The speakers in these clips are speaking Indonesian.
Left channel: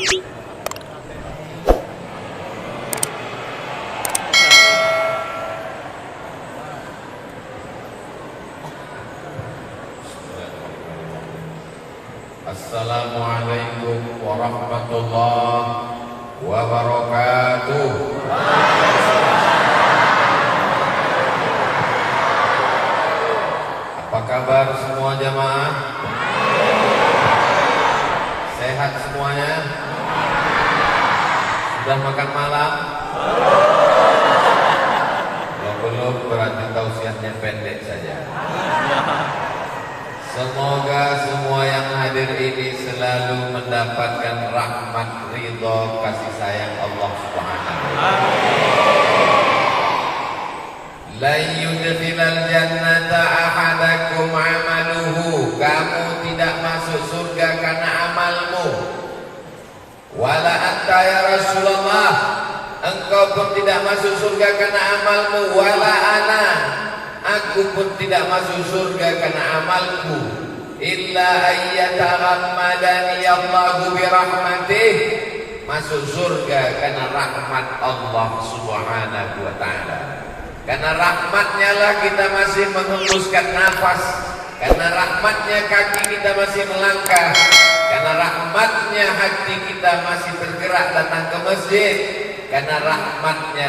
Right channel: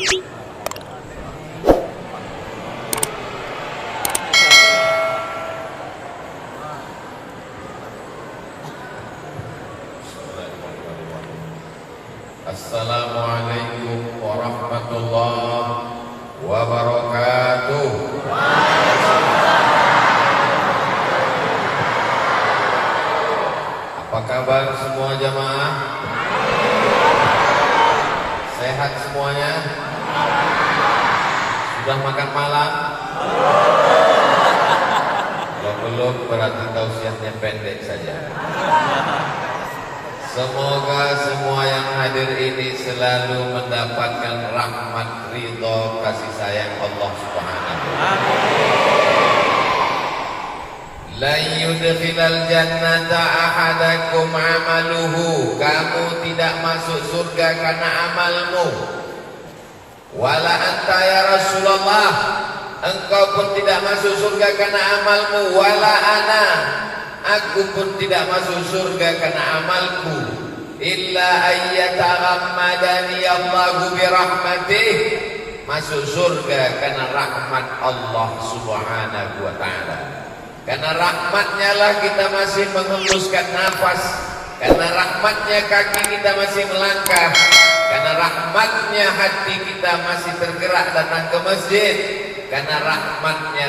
Assalamualaikum warahmatullahi wabarakatuh. Apa kabar semua jamaah? Sehat semuanya? Sudah makan malam? Kalau belum berarti tausiahnya pendek saja. Semoga semua yang hadir ini selalu mendapatkan rahmat, ridho, kasih sayang Allah Subhanahu wa ta'ala. La yudkhilal jannata ahadakum amaluhu. Kamu tidak masuk surga karena amalmu. Wala anta ya Rasulullah. Engkau pun tidak masuk surga karena amalmu. Wala ana. Aku pun tidak masuk surga karena amalku. Illa ayyataghammadani Allahu birahmatih. Masuk surga karena rahmat Allah Subhanahu wa ta'ala. Karena rahmatnya lah kita masih menghembuskan nafas. Karena rahmatnya kaki kita masih melangkah. Karena rahmatnya hati kita masih tergerak datang ke masjid. Karena rahmatnya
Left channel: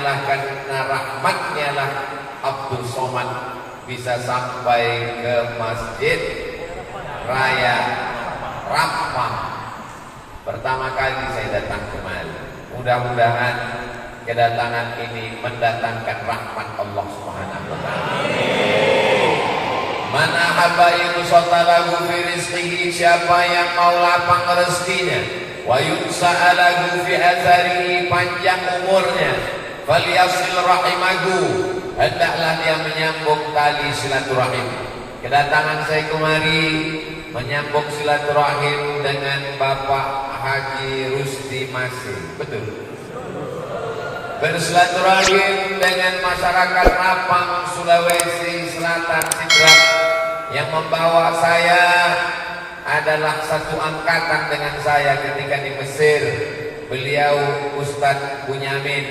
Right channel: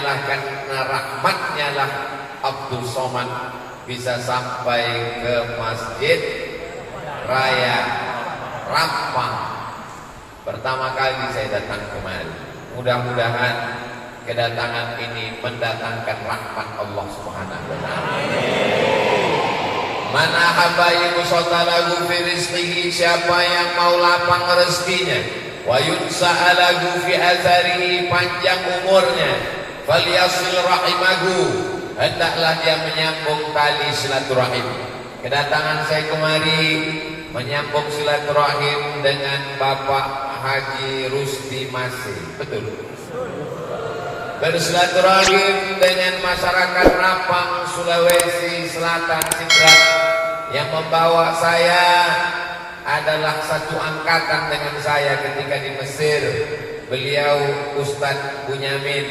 lah Abdul Somad bisa sampai ke Masjid Raya Rapang. Pertama kali saya datang kemari. Mudah-mudahan kedatangan ini mendatangkan rahmat Allah Subhanahu wa ta'ala. Man ahabba yusatalahu fi rizqihi, siapa yang mau lapang rezekinya, wa yunsa'alahu fi atharihi, panjang umurnya, falyasil rahimahu, hendaklah dia menyambung tali silaturahim. Kedatangan saya kemari menyambung silaturahim dengan Bapak Haji Rusdi Masih. Betul. Bersilaturahim dengan masyarakat Rapang, Sulawesi Selatan, Sidrap. Yang membawa saya adalah satu angkatan dengan saya ketika di Mesir. Beliau Ustadz Bunyamin,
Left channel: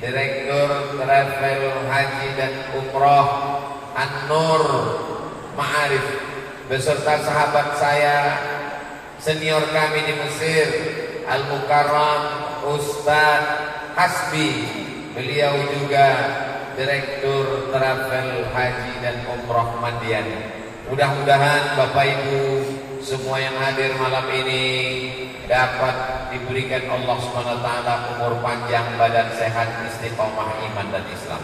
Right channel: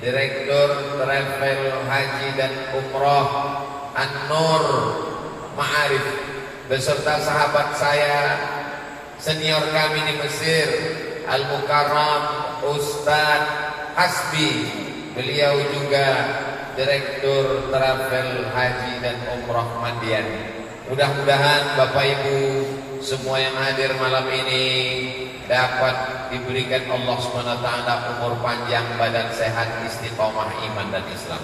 Direktur Travel Haji dan Umroh An-Nur Ma'arif, beserta sahabat saya senior kami di Mesir, Al-Mukarram Ustadz Hasbi. Beliau juga Direktur Travel Haji dan Umroh Mandian. Mudah-mudahan Bapak Ibu semua yang hadir malam ini dapat diberikan Allah SWT umur panjang, badan sehat, istiqomah iman dan Islam.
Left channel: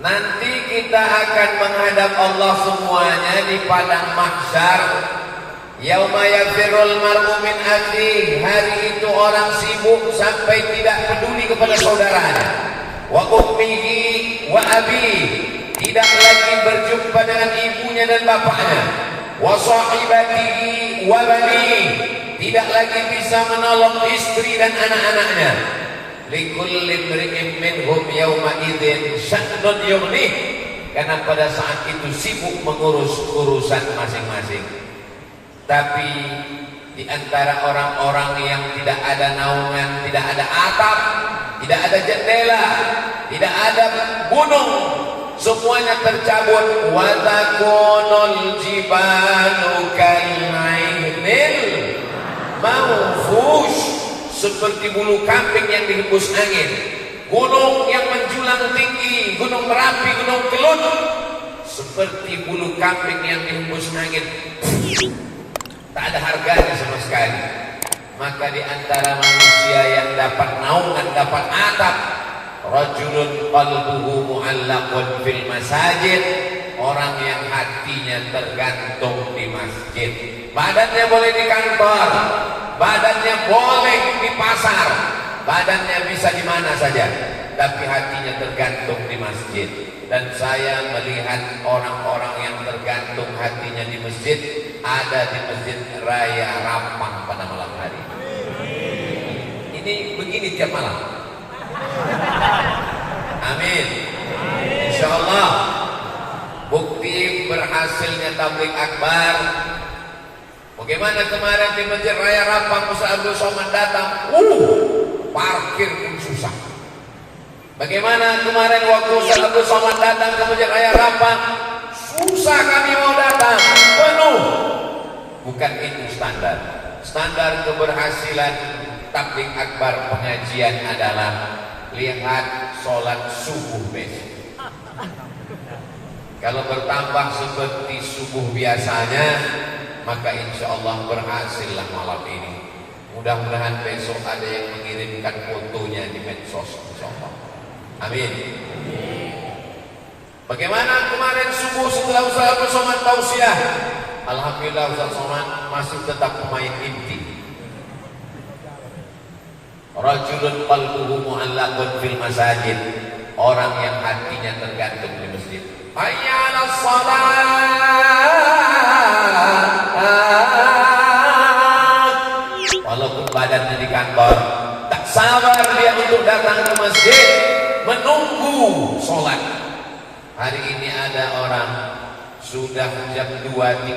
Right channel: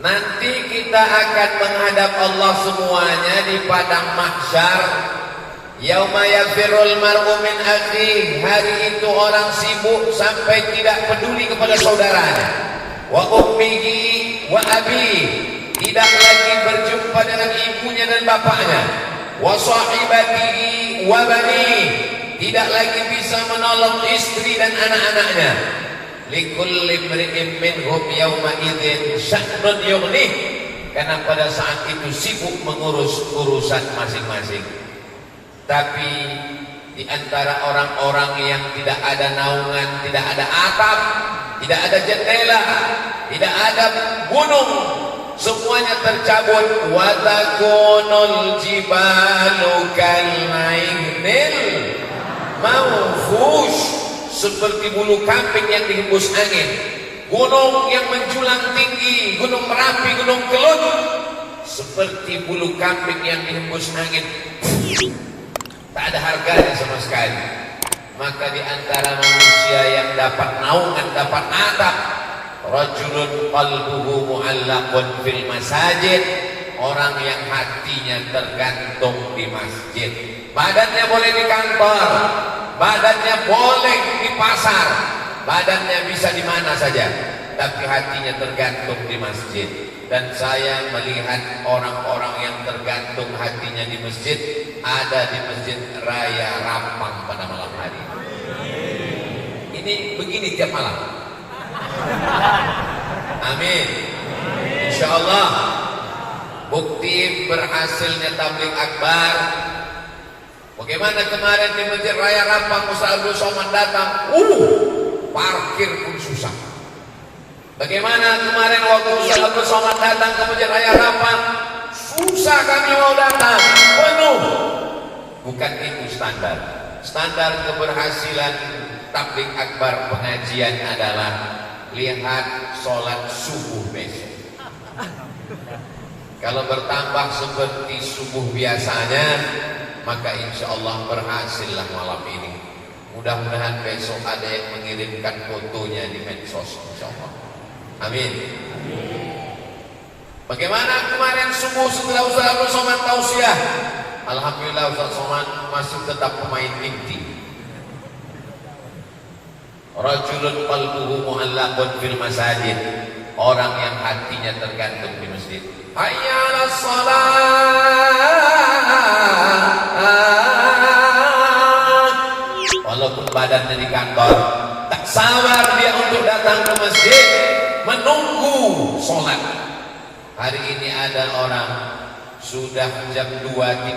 Nanti kita akan menghadap Allah semuanya di padang mahsyar. Yauma yafirul mar'u min akhihi. Hari itu orang sibuk sampai tidak peduli kepada saudaranya. Wa ummihi wa abihi. Tidak lagi berjumpa dengan ibunya dan bapaknya. Wa sahibatihi wa banihi. Tidak lagi bisa menolong istri dan anak-anaknya. Likulli imri'in minhum yawma idzin sya'nun yughnih. Karena pada saat itu sibuk mengurus urusan masing-masing. Tapi di antara orang-orang yang tidak ada naungan, tidak ada atap, tidak ada jendela, tidak ada gunung, semuanya tercabut. Wa takunul jibalu kalmainil mawfush, seperti bulu kambing yang dihembus angin. Gunung yang menjulang tinggi, Gunung Merapi, Gunung Kelut, seperti bulu kambing yang dihembus angin. Tak ada harganya sama sekali. Maka di antara manusia yang dapat naungan, dapat atap, rajulun qalbuhu mu'allaqun fil masajid, orang yang hatinya tergantung di masjid. Badannya boleh di kantor, badannya boleh di pasar, badannya bisa di mana saja, tapi hatinya tergantung di masjid. Dan saya melihat orang-orang yang tergantung hatinya di masjid ada di Masjid Raya Rapang pada malam hari. Ini begini tiap malam. Amin. Insyaallah bukti berhasilnya tabligh akbar Bagaimana kemarin di Masjid Raya Rampang Ustaz Abdul Somad datang, parkir pun susah. Bagaimana kemarin waktu Ustaz Abdul Somad datang ke Masjid Raya Rampang, susah kami mau datang, penuh. Bukan itu standar. Standar keberhasilan tabligh akbar pengajian adalah lihat sholat subuh besok. Kalau bertambah seperti subuh biasanya, maka insya Allah berhasillah malam ini. Mudah-mudahan besok ada yang mengirimkan fotonya di medsos, insya Allah. Amin. Bagaimana kemarin subuh setelah Ustaz Abdul Somad tausiah? Alhamdulillah Ustaz Somad masih tetap pemain inti. Rajulun qalbuhu mu'allaqun fil masajid. Orang yang hatinya tergantung di masjid. Hayya 'alas shalah. Walaupun badannya di kantor, tak sabar dia untuk datang ke masjid, menunggu sholat. Hari ini ada orang sudah jam 2.30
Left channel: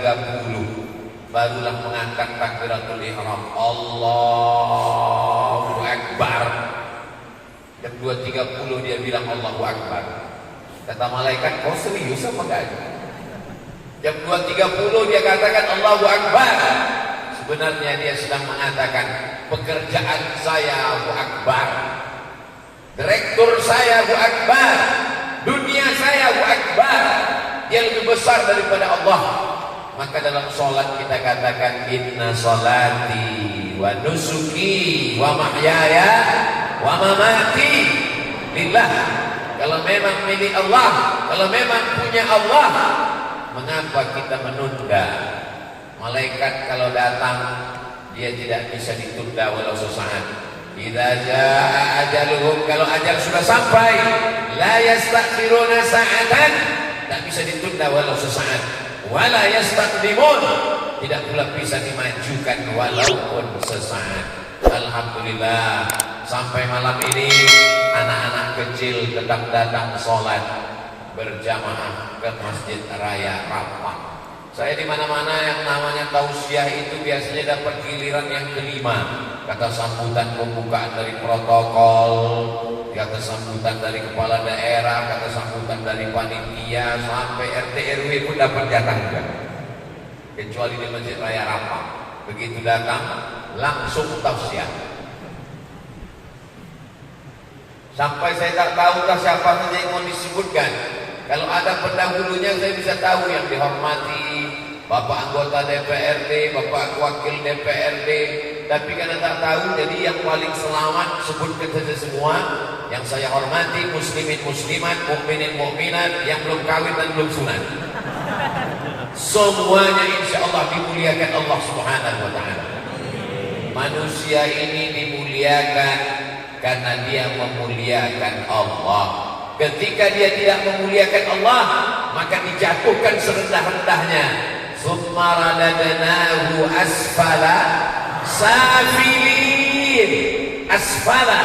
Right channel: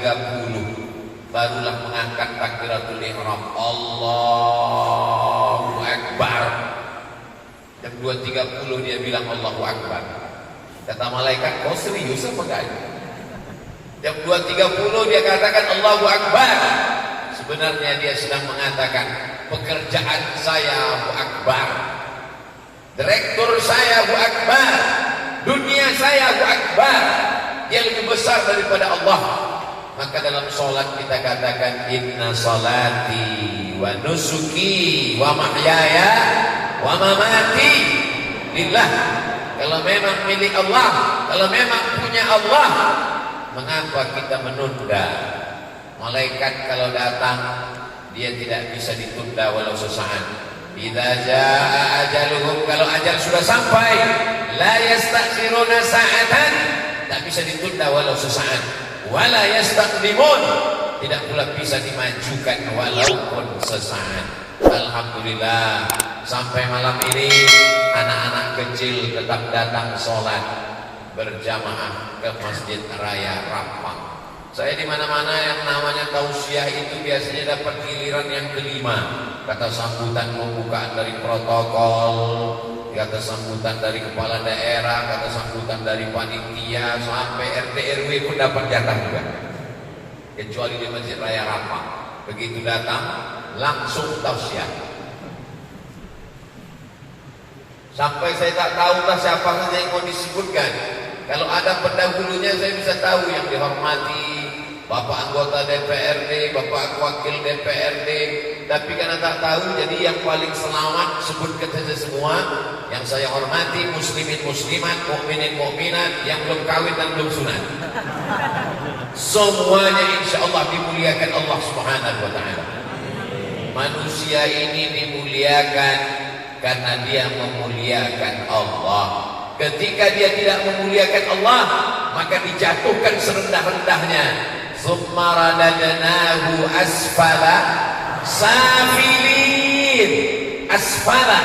barulah mengangkat takbiratul ihram. Allahu Akbar. Jam 2.30 dia bilang Allahu Akbar. Kata malaikat, kau serius apa enggak? Jam 2.30 dia katakan Allahu Akbar. Sebenarnya dia sedang mengatakan, pekerjaan saya Allahu Akbar, direktur saya Allahu Akbar, dunia saya Allahu Akbar. Dia lebih besar daripada Allah. Maka dalam sholat kita katakan, inna sholati wa nusuki wa mahyaya wa mamati lillah. Kalau memang milik Allah, kalau memang punya Allah, mengapa kita menunda? Malaikat kalau datang, dia tidak bisa ditunda walau sesaat. Idza jaa ajaluhum, kalau ajal sudah sampai, la yastakhiruna sa'atan, tidak bisa ditunda walau sesaat. Wala yastaqdimun, tidak pula bisa dimajukan walaupun sesaat. Alhamdulillah, sampai malam ini anak-anak kecil tetap datang sholat berjamaah ke Masjid Raya Rampang. Saya di mana-mana yang namanya tausiah itu biasanya dapat giliran yang kelima. Kata sambutan pembukaan dari protokol, kata sambutan dari kepala daerah, kata sambutan dari panitia, sampai RT RW pun dapat jatah juga. Kecuali di Masjid Raya Rampang, begitu datang langsung tausiah. Sampai saya tak tahu lah siapa saja yang mau disebutkan. Kalau ada pendahulunya saya bisa tahu yang dihormati Bapak anggota DPRD, Bapak wakil DPRD. Tapi karena tak tahu, jadi yang paling selamat sebutkan saja semua. Yang saya hormati muslimin muslimat, mukminin mukminat, yang belum kawin dan belum sunat. Semuanya insya Allah dimuliakan Allah Subhanahu wa ta'ala. Manusia ini dimuliakan karena dia memuliakan Allah. Ketika dia tidak memuliakan Allah, maka dijatuhkan serendah-rendahnya. Summa radadnahu asfala safilin. Asfala,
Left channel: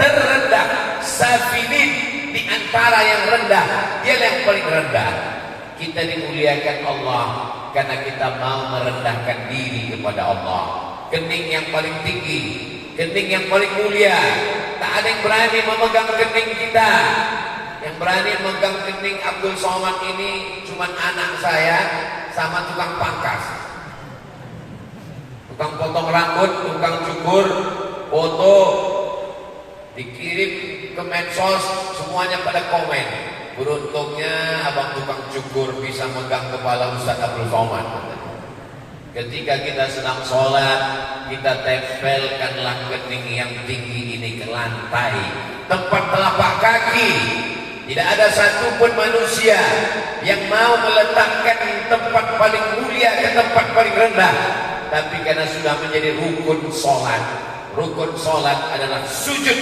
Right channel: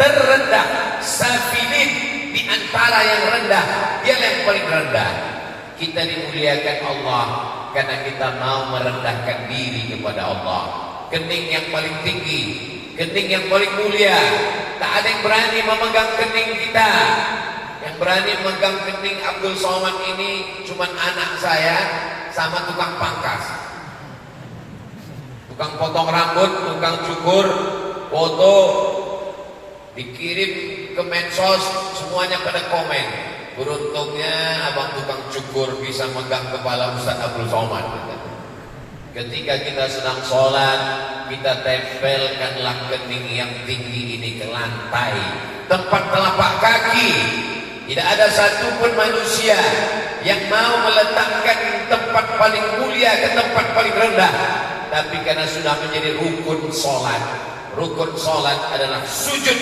terendah, safilin, di antara yang rendah, dia yang paling rendah. Kita dimuliakan Allah karena kita mau merendahkan diri kepada Allah. Kening yang paling tinggi, kening yang paling mulia. Tak ada yang berani memegang kening kita. Yang berani memegang kening Abdul Somad ini cuma anak saya sama tukang pangkas, tukang potong rambut, tukang cukur, foto dikirim ke medsos, semuanya pada komen. Beruntungnya abang tukang cukur bisa megang kepala Ustaz Abdul Somad. Ketika kita sedang sholat, kita tempelkanlah kening yang tinggi ini ke lantai, tempat telapak kaki. Tidak ada satupun manusia yang mau meletakkan tempat paling mulia ke tempat paling rendah. Tapi karena sudah menjadi rukun sholat. Rukun sholat adalah sujud.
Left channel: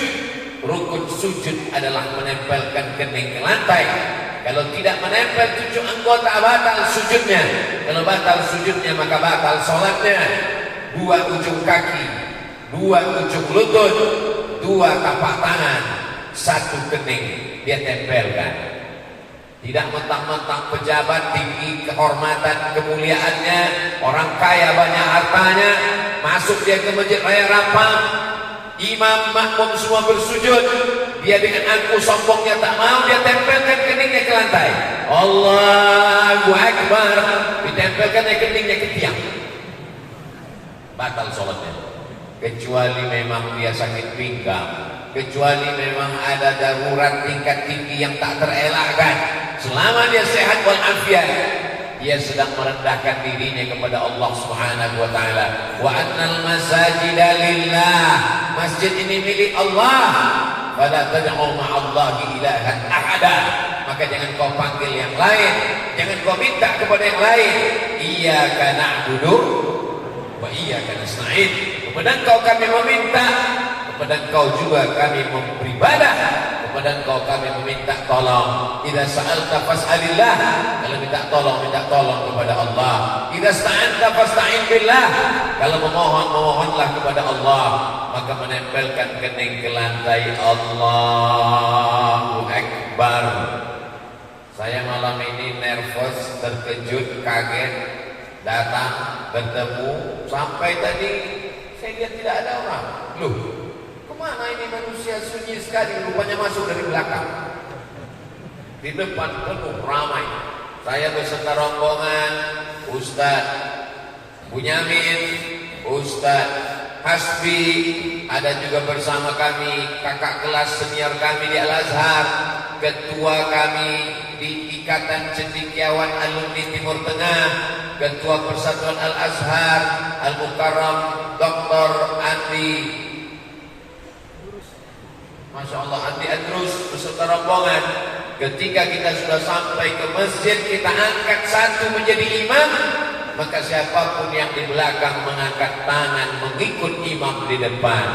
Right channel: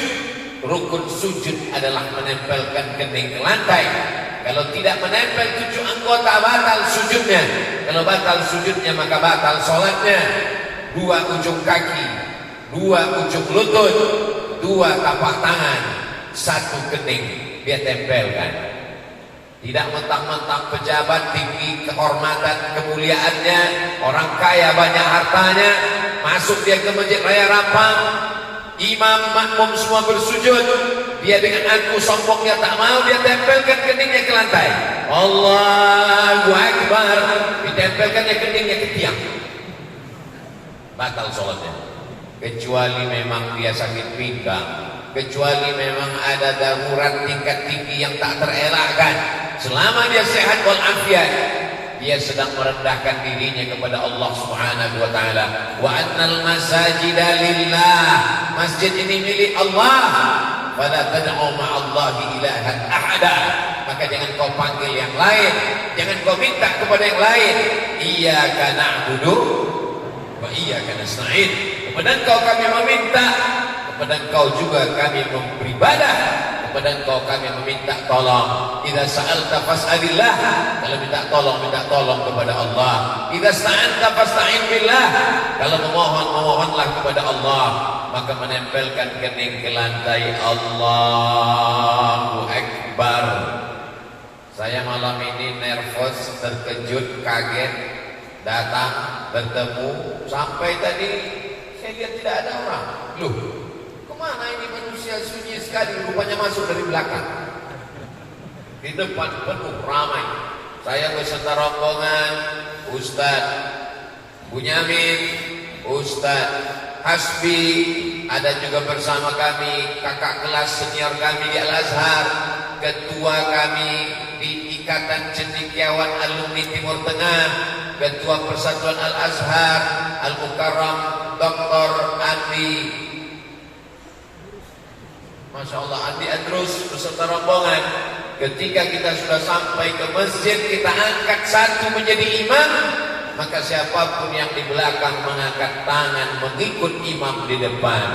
Rukun sujud adalah menempelkan kening ke lantai. Kalau tidak menempel 7 anggota, batal sujudnya. Kalau batal sujudnya, maka batal sholatnya. 2 ujung kaki, 2 ujung lutut, 2 tapak tangan, 1 kening dia tempelkan. Tidak mentang-mentang pejabat tinggi kehormatan kemuliaannya, orang kaya banyak hartanya, masuk dia ke masjid raya Rapang, imam makmum semua bersujud, dia dengan angkuh sombongnya tak mau, dia tempelkan keningnya ke lantai. Allahu Akbar, ditempelkan keningnya ke tiang. Batal sholatnya. Kecuali memang dia sakit pinggang, kecuali memang ada darurat tingkat tinggi yang tak terelakkan. Selama dia sehat walafiat, dia sedang merendahkan dirinya kepada Allah Subhanahu wa taala. Wa annal masajida lillah, masjid ini milik Allah. Fala tad'u ma'allahi ilahan ahada, maka jangan kau panggil yang lain, jangan kau minta kepada yang lain. Iyyaka na'budu wa iyyaka nasta'in, kepada Engkau kami meminta, kepada Engkau juga kami beribadah, kepada Engkau kami meminta tolong. Idza sa'alta fas'alillah, kalau minta tolong kepada Allah. Idza sta'anta fasta'in billah, kalau memohonlah kepada Allah, maka menempelkan kening ke lantai. Allahu Akbar. Saya malam ini nervous, terkejut, kaget, datang bertemu, sampai tadi saya lihat tidak ada orang. Loh, kemana ini manusia sunyi sekali, rupanya masuk dari belakang. Di depan penuh ramai. Saya beserta rombongan, Ustaz Bunyamin, Ustaz Hasbi, ada juga bersama kami kakak kelas senior kami di Al-Azhar, ketua kami di Ikatan Cendekiawan Alumni Timur Tengah, ketua Persatuan Al-Azhar Al-Mukarram Dr. Andi, Masya Allah, Andi Adrus beserta rombongan. Ketika kita sudah sampai ke masjid, kita angkat satu menjadi imam, maka siapapun yang di belakang mengangkat tangan mengikut imam di depan.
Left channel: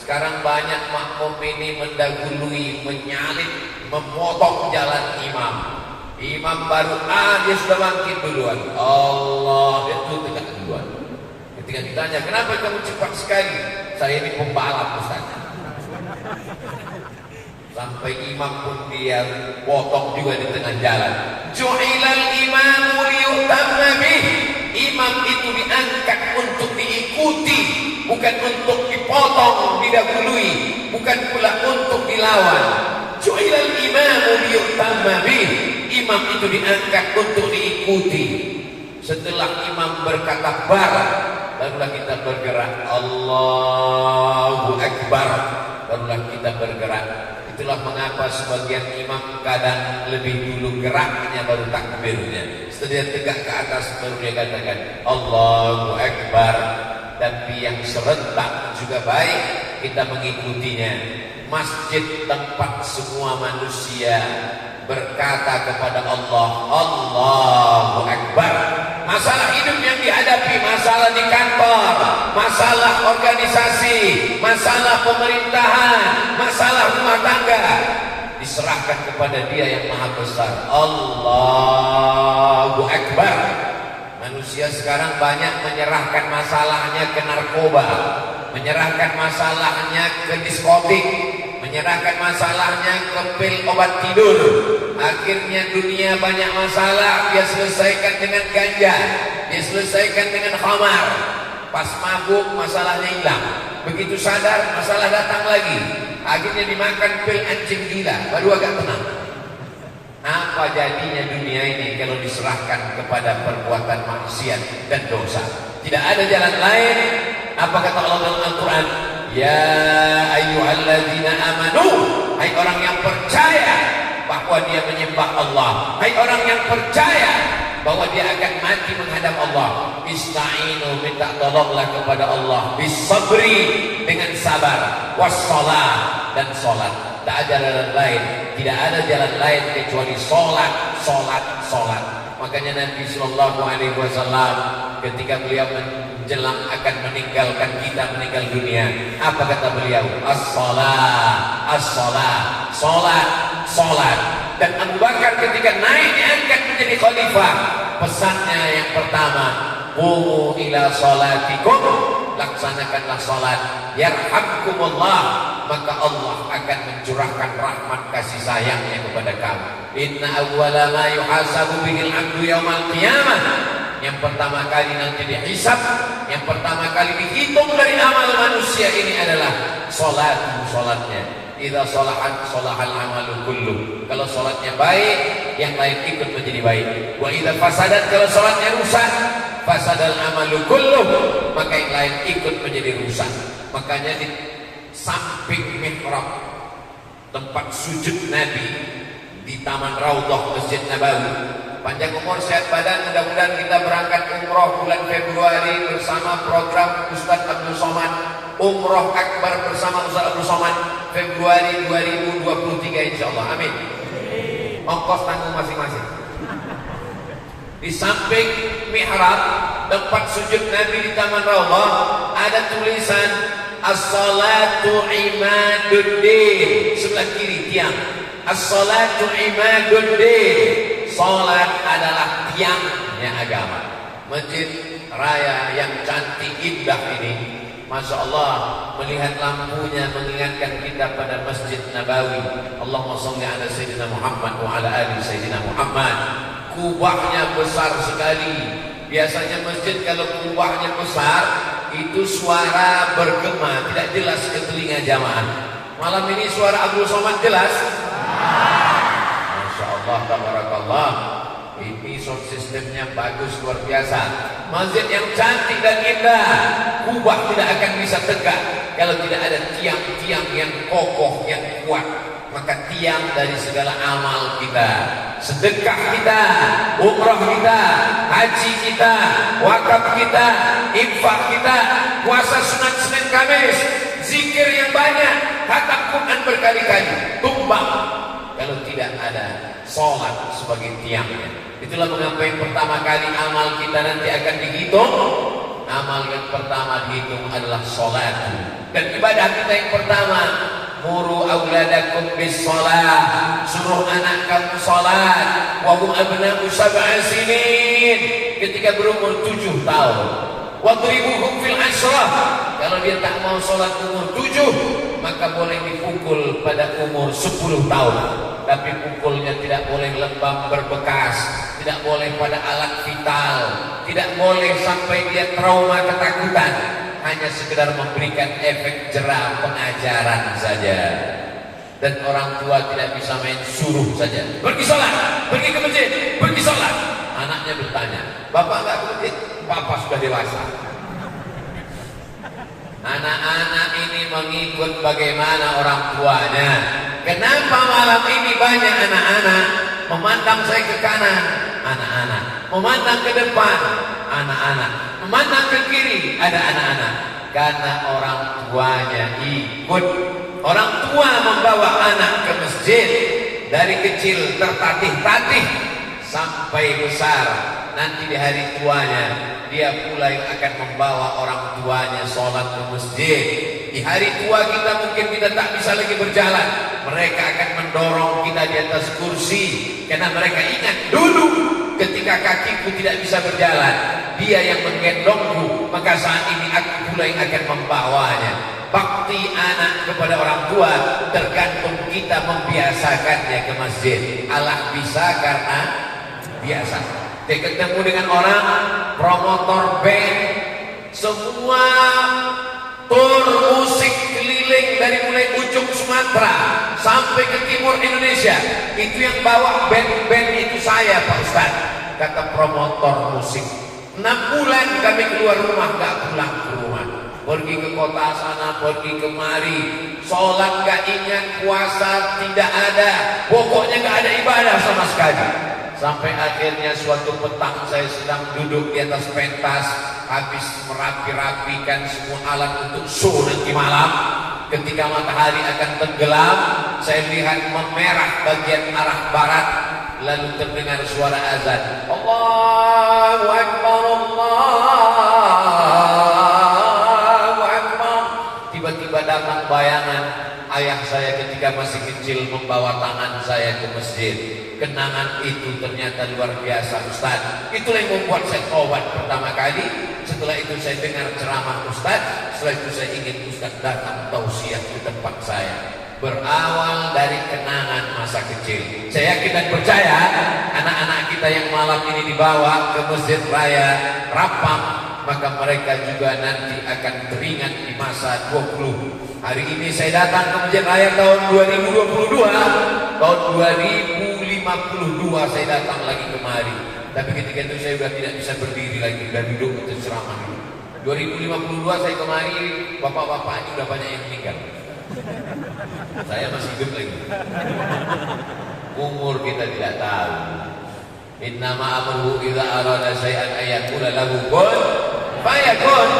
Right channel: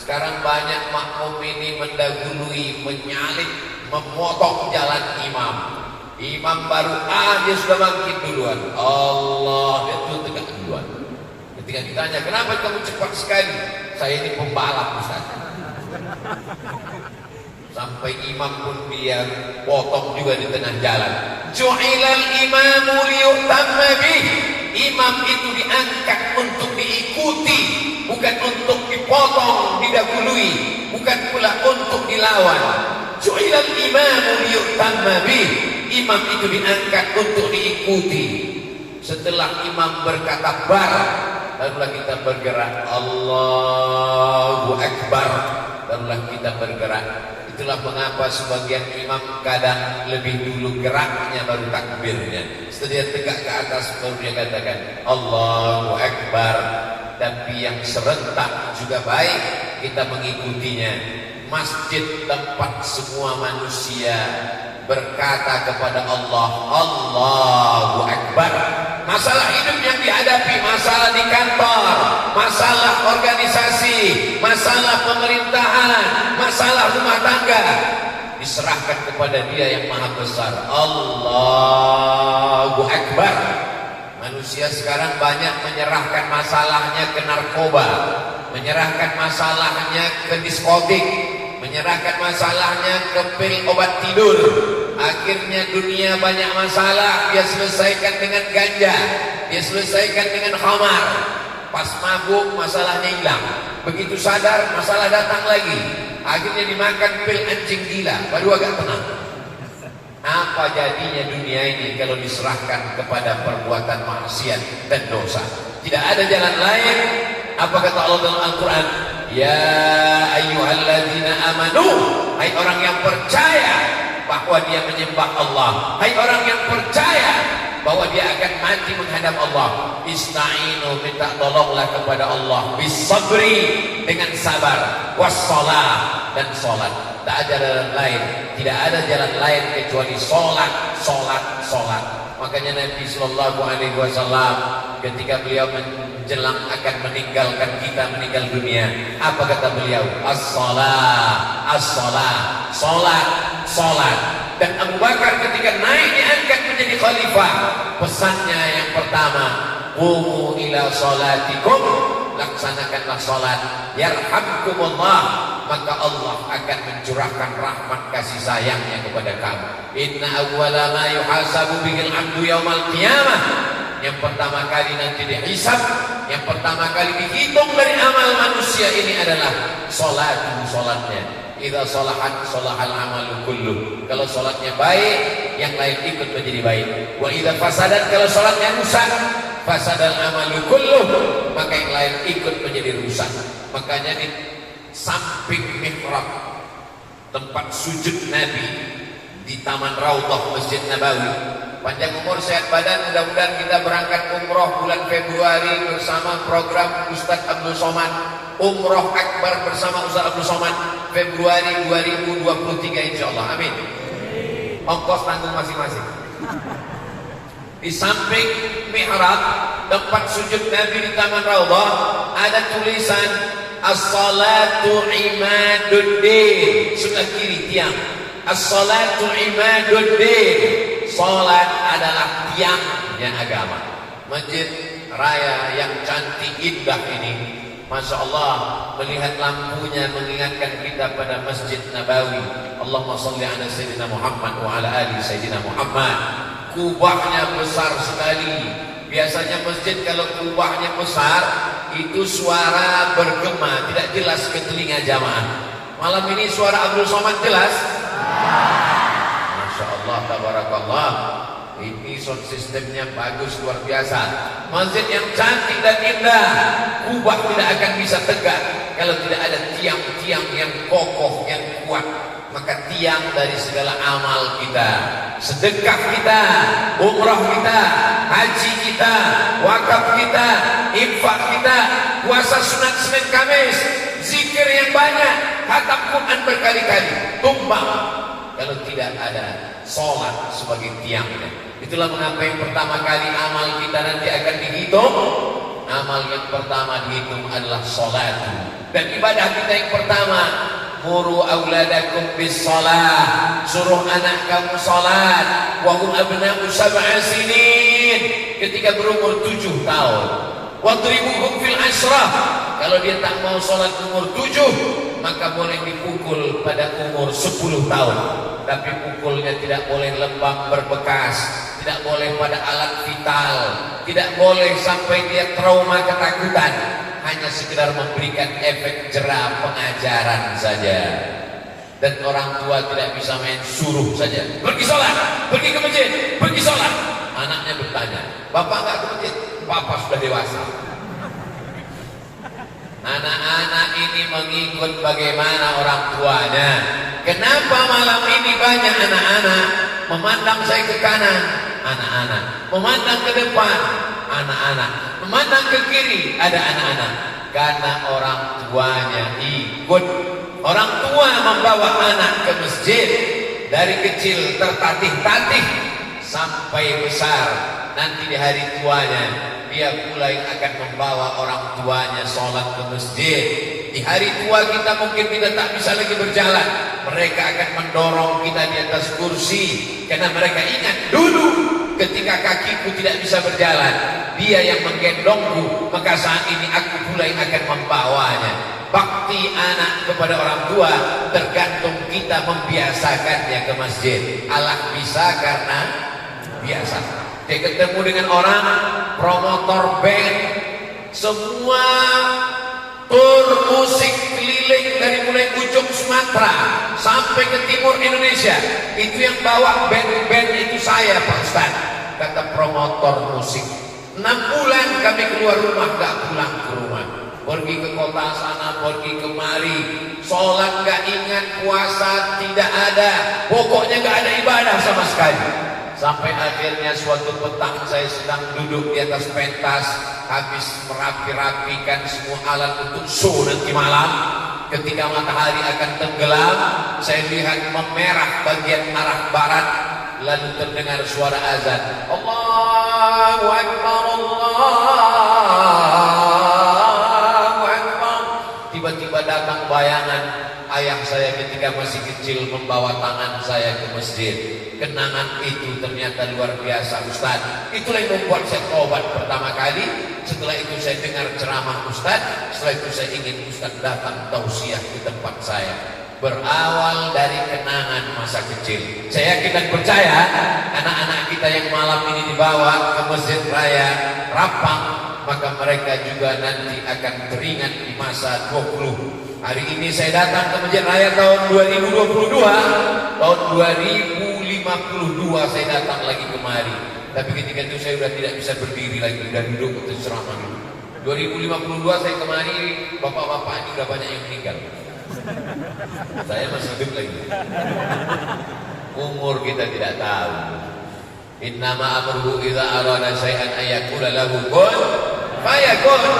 Sekarang banyak makmum ini mendahului, menyalip, memotong jalan imam. Imam baru dia sudah bangkit duluan. Allah, itu tegak duluan. Ketika ditanya, kenapa kamu cepat sekali? Saya ini pembalap, Ustaz. Sampai imam pun dia potong juga di tengah jalan. Ju'ilal imamu liyutamma bih. Imam itu diangkat untuk diikuti, bukan untuk dipotong, didahului, bukan pula untuk dilawan. Ju'ilal imamu liyutamma bih. Imam itu diangkat untuk diikuti. Setelah imam berkata bar, barulah kita bergerak. Allahu Akbar, barulah kita bergerak. Itulah mengapa sebagian imam kadang lebih dulu geraknya baru takbirnya. Setelah dia tegak ke atas baru dia katakan Allahu Akbar. Tapi yang serentak juga baik kita mengikutinya. Masjid tempat semua manusia berkata kepada Allah, Allahu Akbar. Masalah hidup yang dihadapi, masalah di kantor, masalah organisasi, masalah pemerintahan, masalah rumah tangga, diserahkan kepada Dia yang Maha Besar. Allahu Akbar. Manusia sekarang banyak menyerahkan masalahnya ke narkoba, menyerahkan masalahnya ke diskotik, menyerahkan masalahnya ke pil obat tidur. Akhirnya dunia banyak masalah, dia selesaikan dengan ganja, dia selesaikan dengan khamar. Pas mabuk masalahnya hilang, begitu sadar masalah datang lagi. Akhirnya dimakan pil anjing gila, baru agak tenang. Apa jadinya dunia ini kalau diserahkan kepada perbuatan maksiat dan dosa? Tidak ada jalan lain. Apa kata Allah dalam Al-Quran? Ya ayyuhalladzina amanu, hai orang yang percaya bahwa dia menyembah Allah, hai orang yang percaya bahwa dia akan mati menghadap Allah, ista'inu, minta tolonglah kepada Allah, bisabri, dengan sabar, wassalah, dan sholat. Tak ada jalan lain, tidak ada jalan lain kecuali sholat, sholat, sholat. Makanya Nabi Sallallahu Alaihi Wasallam ketika beliau menjelang akan meninggalkan kita, meninggal dunia, apa kata beliau? As-salah, as-salah, sholat, sholat. Dan Abu Bakar ketika naik diangkat menjadi khalifah, pesannya yang pertama, qumu ila sholatikum, laksanakanlah sholat, yarhamkumullah, maka Allah akan mencurahkan rahmat kasih sayangnya kepada kamu. Inna awwala ma yuhasabu bihil abdu yaumal qiyamah, yang pertama kali nanti dihisab, yang pertama kali dihitung dari amal manusia ini adalah solatnya. Idza sholahat sholahal amalu kullu. Kalau solatnya baik, yang lain ikut menjadi baik. Wa idza fasadat, kalau solatnya rusak, fasadal amalu kullu, maka yang lain ikut menjadi rusak. Makanya di samping mihrab tempat sujud Nabi di Taman Raudhah Masjid Nabawi, panjang umur sehat badan, mudah-mudahan kita berangkat umroh bulan Februari bersama program Ustadz Abdul Somad, Umroh Akbar bersama Ustadz Abdul Somad Februari 2023 insyaallah. Amin. Ongkos tanggung masing-masing. Di samping mihrab tempat sujud Nabi di Taman Raudhah ada tulisan As-salatu imaduddin, sebelah kiri tiang. As-salatu imaduddin, salat adalah tiangnya agama. Masjid raya yang cantik indah ini, Masya Allah, melihat lampunya mengingatkan kita pada Masjid Nabawi. Allahumma sholli ala Sayyidina Muhammad wa ala ali Sayyidina Muhammad. Kubahnya besar sekali. Biasanya masjid kalau kubahnya besar, itu suara bergema, tidak jelas ke telinga jamaah. Malam ini suara Abdul Somad jelas. Masya Allah, tabarakallah. Ini sound systemnya bagus, luar biasa. Masjid yang cantik dan indah, kubah tidak akan bisa tegak kalau tidak ada tiang-tiang yang kokoh, yang kuat. Maka tiang dari segala amal kita, sedekah kita, umrah kita, haji kita, wakaf kita, infak kita, puasa sunat Senin Kamis, zikir yang banyak, khatam Quran berkali-kali, tumbang kalau tidak ada sholat sebagai tiangnya. Itulah mengapa yang pertama kali amal kita nanti akan dihitung. Amal yang pertama dihitung adalah sholat. Dan ibadah kita yang pertama, muru auladakum bis sholat, suruh anak kamu sholat. Wa hum abna'u sab'a sinin, ketika berumur 7 tahun. Wadribuhum fil ashrah, kalau dia tak mau sholat umur 7, maka boleh dipukul pada umur 10 tahun. Tapi pukulnya tidak boleh lembab berbekas, tidak boleh pada alat vital, tidak boleh sampai dia trauma ketakutan. Hanya sekedar memberikan efek jera pengajaran saja. Dan orang tua tidak bisa main suruh saja. Pergi sholat, pergi ke masjid, pergi sholat. Anaknya bertanya, bapak nggak ke masjid? Bapak sudah dewasa. Anak-anak ini mengikut bagaimana orang tuanya. Kenapa malam ini banyak anak-anak memandang saya ke kanan, anak-anak memandang ke depan, anak-anak memandang ke kiri, ada anak-anak. Karena orang tuanya ikut. Orang tua membawa anak ke masjid dari kecil tertatih-tatih sampai besar. Nanti di hari tuanya dia mulai akan membawa orang tuanya sholat ke masjid. Di hari tua kita mungkin kita tak bisa lagi berjalan, mereka akan mendorong kita di atas kursi. Karena mereka ingat dulu ketika kakiku tidak bisa berjalan, dia yang menggendongku, maka saat ini aku mulai akan membawanya. Bakti anak kepada orang tua tergantung kita membiasakannya ke masjid. Allah bisa karena biasa. Dia ketemu dengan orang promotor band, semua tur musik keliling dari mulai ujung Sumatera sampai ke timur Indonesia. Itu yang bawa band-band itu saya, Pak Ustaz, kata promotor musik. 6 bulan kami keluar rumah, gak pulang ke rumah. Pergi ke kota sana, pergi kemari, sholat gak ingat, puasa tidak ada, pokoknya gak ada ibadah sama sekali. Sampai akhirnya suatu petang saya sedang duduk di atas pentas, habis merapi-rapikan semua alat untuk show nanti malam. Ketika matahari akan tenggelam, saya lihat memerah bagian arah barat, lalu terdengar suara azan. Allahu Akbar, Allahu Akbar. Tiba-tiba datang bayangan ayah saya ketika ketika masih kecil membawa tangan saya ke masjid. Kenangan itu ternyata luar biasa Ustaz. Itulah yang membuat saya tobat pertama kali. Setelah itu saya dengar ceramah Ustaz. Setelah itu saya ingin Ustaz datang tausiah ke tempat saya. Berawal dari kenangan masa kecil. Saya yakin dan percaya anak-anak kita yang malam ini dibawa ke Masjid Raya Rapang, maka mereka juga nanti akan teringat di masa 20. Hari ini saya datang ke Masjid Raya tahun 2022. Tahun 2052 saya datang lagi kemari. Tapi ketika itu saya sudah tidak bisa berdiri lagi dan duduk untuk ceramah dulu. 2052 saya kemari, bapak-bapak ini sudah banyak yang meninggal. Saya masih hidup lagi. Umur kita tidak tahu. Innama amruhu idza arada syai'an ayaqula lahu kun fayakun.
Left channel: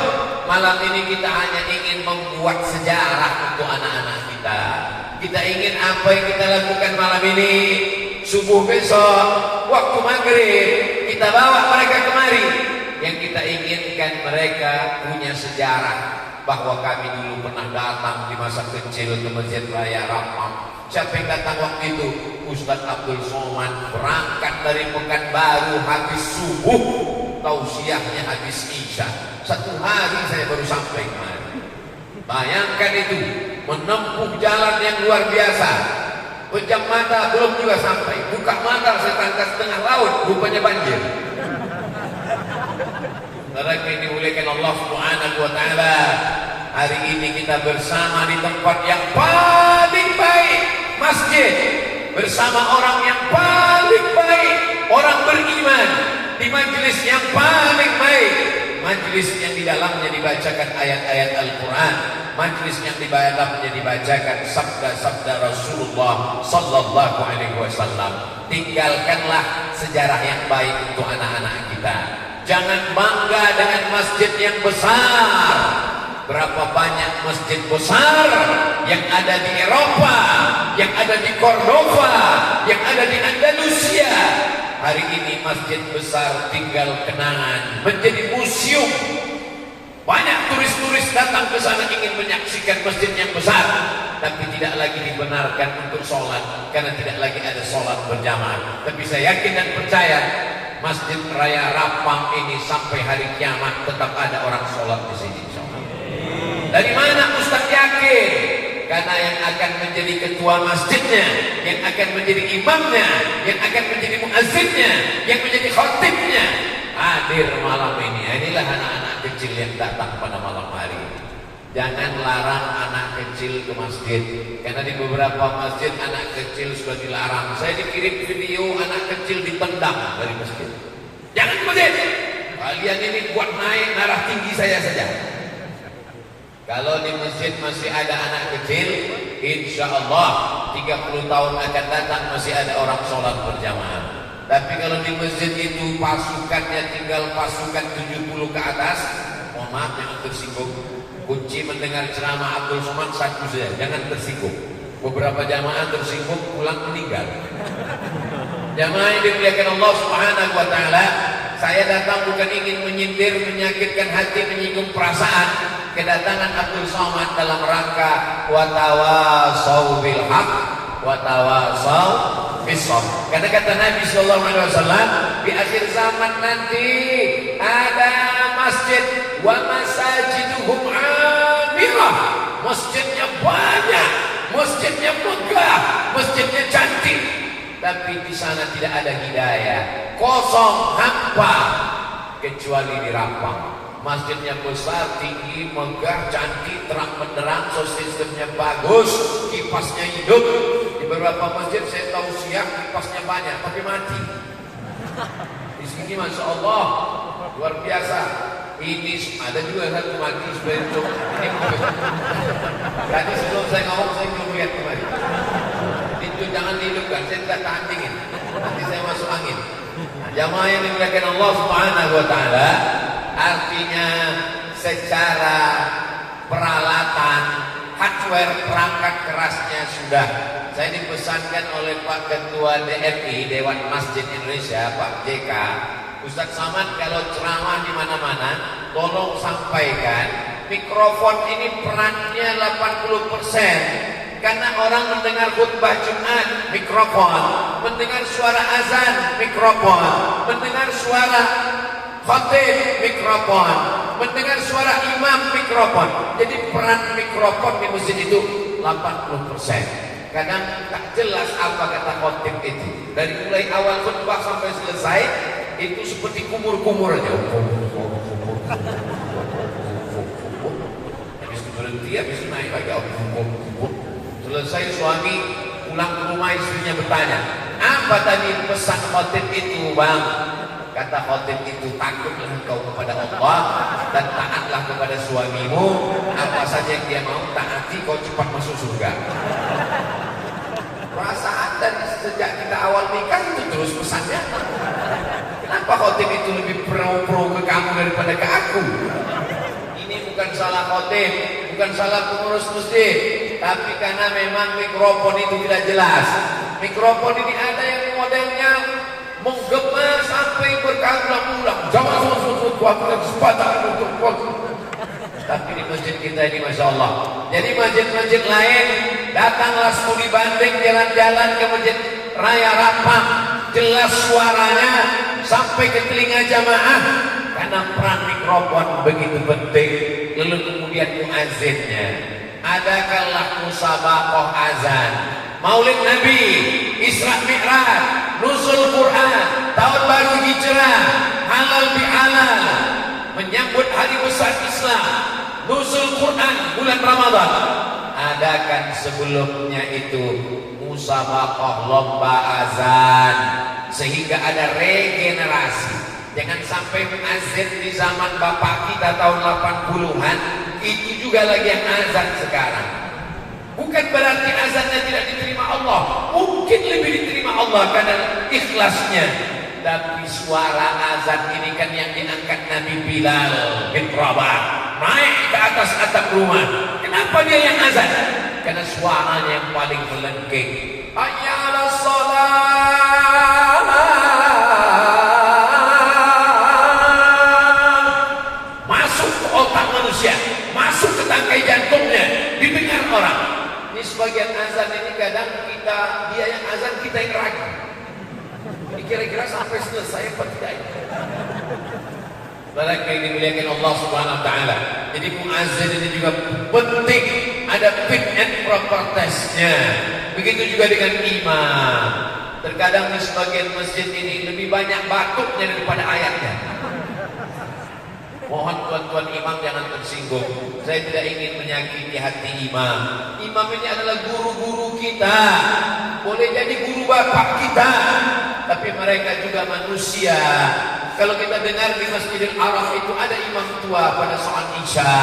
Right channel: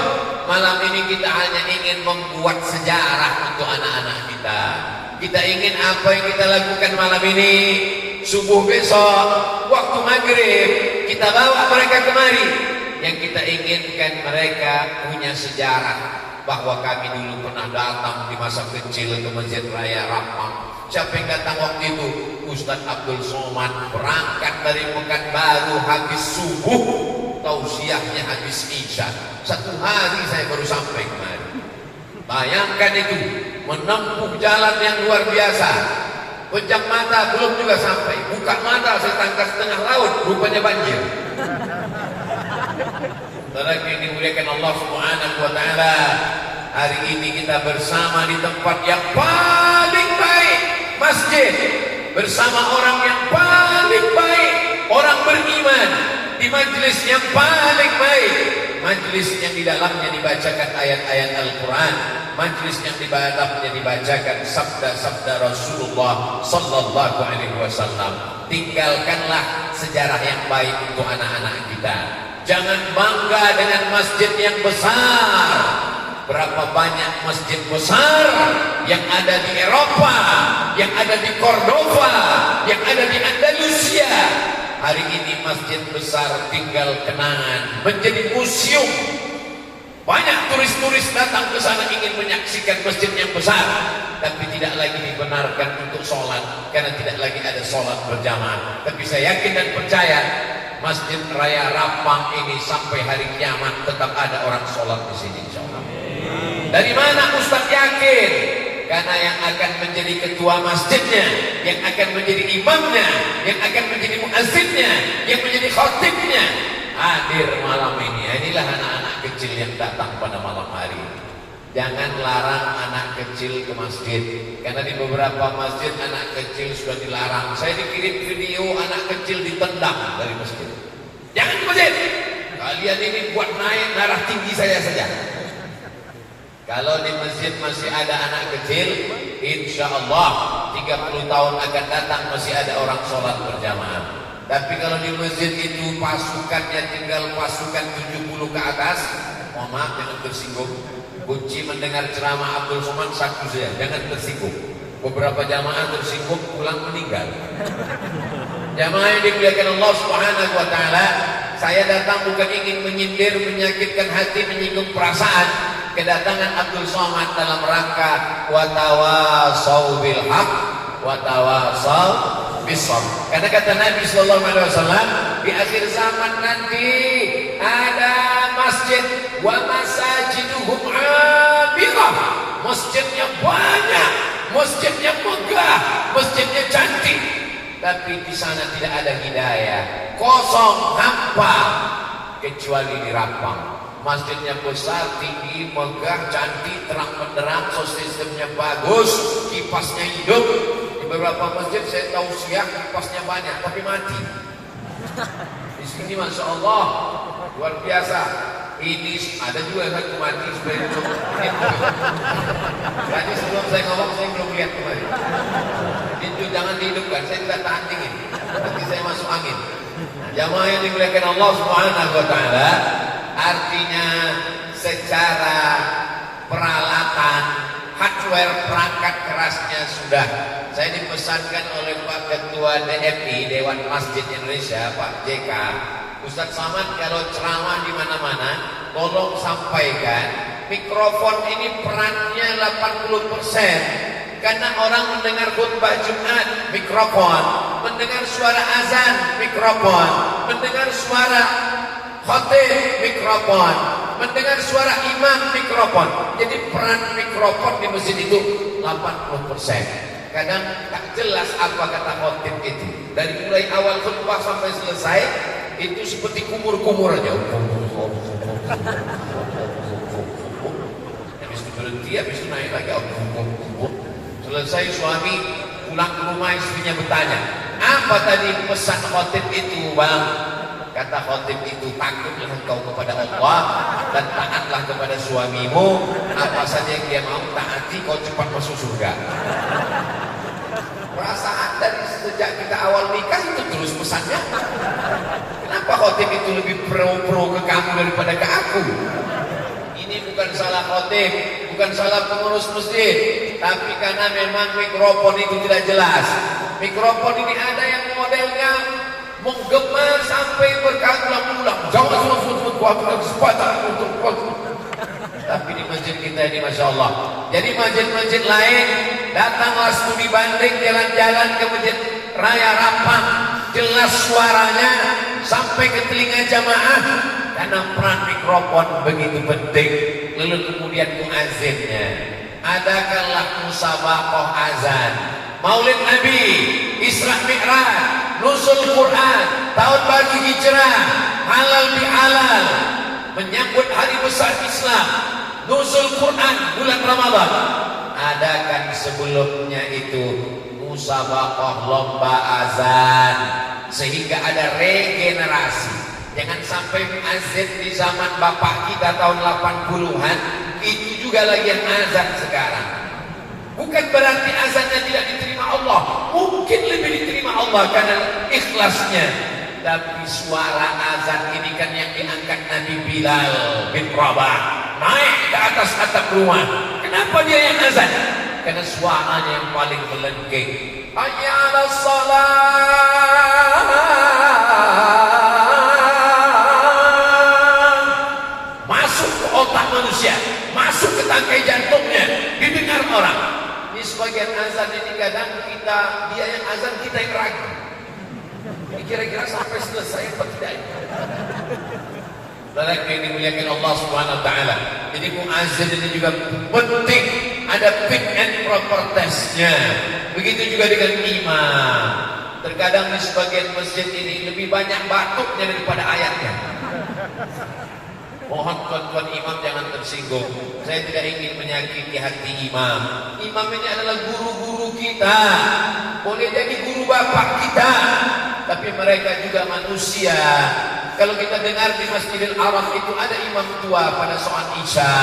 Malam ini kita hanya ingin membuat sejarah untuk anak-anak kita. Kita ingin apa yang kita lakukan malam ini, subuh besok, waktu maghrib, kita bawa mereka kemari. Yang kita inginkan mereka punya sejarah bahwa kami dulu pernah datang di masa kecil ke Masjid Raya Rapang. Siapa yang datang waktu itu? Ustaz Abdul Somad berangkat dari Pekanbaru habis subuh, tausiahnya habis isya. 1 hari saya baru sampai kemari. Bayangkan itu, menempuh jalan yang luar biasa. Pejam mata belum juga sampai, buka mata saya tangkap tengah laut, rupanya banjir. Saudara yang dimuliakan Allah Subhanahu wa taala, hari ini kita bersama di tempat yang paling baik, masjid, bersama orang yang paling baik, orang beriman, di majelis yang paling baik, majelis yang di dalamnya dibacakan ayat-ayat Al-Quran, majelis yang di dalamnya dibacakan sabda-sabda Rasulullah sallallahu alaihi wasallam. Tinggalkanlah sejarah yang baik untuk anak-anak kita. Jangan bangga dengan masjid yang besar. Berapa banyak masjid besar yang ada di Eropa, yang ada di Cordova, yang ada di Andalusia. Hari ini masjid besar tinggal kenangan, menjadi museum. Banyak turis-turis datang ke sana ingin menyaksikan masjid yang besar, tapi tidak lagi dibenarkan untuk sholat karena tidak lagi ada sholat berjamaah. Tapi saya yakin dan percaya Masjid Raya Rapang ini sampai hari kiamat tetap ada orang sholat di sini. Dari mana Ustaz yakin? Karena yang akan menjadi ketua masjidnya, yang akan menjadi imamnya, yang akan menjadi muazzinnya, yang menjadi khatibnya hadir malam ini. Inilah anak-anak kecil yang datang pada malam hari. Jangan larang anak kecil ke masjid, karena di beberapa masjid anak kecil sudah dilarang. Saya dikirim video anak kecil ditendang dari masjid. Jangan ke masjid. Kalian ini buat naik darah tinggi saya saja. Kalau di masjid masih ada anak kecil, insya Allah 30 tahun akan datang masih ada orang sholat berjamaah. Tapi kalau di masjid itu pasukannya tinggal pasukan 70 ke atas, mohon maaf jangan tersinggung. Kunci mendengar ceramah Abdul Somad satu saja, jangan tersinggung. Beberapa jamaah tersinggung pulang meninggal. Jamaah yang dimuliakan Allah Subhanahu wa taala, saya datang bukan ingin menyindir, menyakitkan hati, menyinggung perasaan. Kedatangan Abdul Somad dalam rangka wa tawasau bil haq wa tawasau bis sabr. Karena kata Nabi sallallahu alaihi wasallam, di akhir zaman nanti ada masjid wa masajiduhum amirah. Masjidnya banyak, masjidnya megah, masjidnya cantik, tapi di sana tidak ada hidayah, kosong, hampa, kecuali di Rapang. Masjidnya besar, tinggi, megah, cantik, terang benderang, sistemnya bagus, kipasnya hidup. Di beberapa masjid saya tahu siang kipasnya banyak, tapi mati. Di sini Masya Allah luar biasa. Ini ada juga satu mati sebenarnya. Tadi sebelum saya ngomong saya belum lihat kemarin. Itu jangan dihidupkan, saya tidak tahan dingin. Nanti saya masuk angin. Jamaah yang dimuliakan Allah Subhanahu wa taala, artinya secara peralatan, hardware, perangkat kerasnya sudah. Saya dipesankan oleh Pak Ketua DMI, Dewan Masjid Indonesia, Pak JK, Ustaz Somad kalau ceramah di mana-mana, tolong sampaikan mikrofon ini perannya 80%. Karena orang mendengar khutbah Jumat, mikrofon. Mendengar suara azan, mikrofon. Mendengar suara khatib, mikrofon. Mendengar suara imam, mikrofon. Jadi peran mikrofon di masjid itu 80%. Kadang tak jelas apa kata khatib itu. Dari mulai awal khutbah sampai selesai, itu seperti kumur-kumur aja. Habis itu berhenti, habis itu naik lagi. Selesai suami pulang ke rumah, istrinya bertanya, apa tadi pesan khatib itu bang? Kata khatib itu, takutlah engkau kepada Allah dan taatlah kepada suamimu. Apa saja yang dia mau taati, kau cepat masuk surga. Perasaan dari sejak kita awal nikah itu terus pesannya. Kenapa khatib itu lebih pro ke kamu daripada ke aku? Ini bukan salah khatib, bukan salah pengurus masjid, tapi karena memang mikrofon itu tidak jelas. Mikrofon ini ada yang modelnya menggema sampai berkali-ulang. Jangan buat sepatah untuk. Tapi di masjid kita ini Masya Allah. Jadi masjid-masjid lain, datanglah studi banding, jalan-jalan ke masjid Raya Rapang, jelas suaranya sampai ke telinga jamaah. Karena peran mikrofon begitu penting. Lalu kemudian muazzinnya, adakanlah musabaqah azan, Maulid Nabi, Isra Mi'raj, Nuzul Quran, Tahun Baru Hijrah, halal bihalal, menyambut hari besar Islam, Nuzul Quran bulan Ramadan. Adakan sebelumnya itu musabaqah lomba azan, sehingga ada regenerasi. Jangan sampai azan di zaman bapak kita tahun 80-an itu juga lagi yang azan sekarang. Bukan berarti azannya tidak diterima Allah, mungkin lebih diterima Allah karena ikhlasnya. Tapi suara azan ini kan yang diangkat Nabi Bilal bin Rabah, naik ke atas atap rumah. Kenapa dia yang azan? Karena suaranya yang paling melengking. Hayya 'alas shalah. Masuk ke tangkai jantungnya, didengar orang. Ini sebagian azan ini kadang dia yang azan, kita yang ragu. Ini kira-kira sampai selesai apa tidak? Barang yang dimuliakan Allah Subhanahu Wa Taala. Jadi muazzin ini juga penting, ada fit and proper testnya. Begitu juga dengan imam. Terkadang di sebagian masjid ini lebih banyak batuknya daripada ayatnya. Mohon tuan-tuan imam jangan tersinggung. Saya tidak ingin menyakiti hati imam. Imam ini adalah guru-guru kita. Boleh jadi guru bapak kita, tapi mereka juga manusia. Kalau kita dengar di Masjidil Haram itu ada imam tua pada sholat Isya,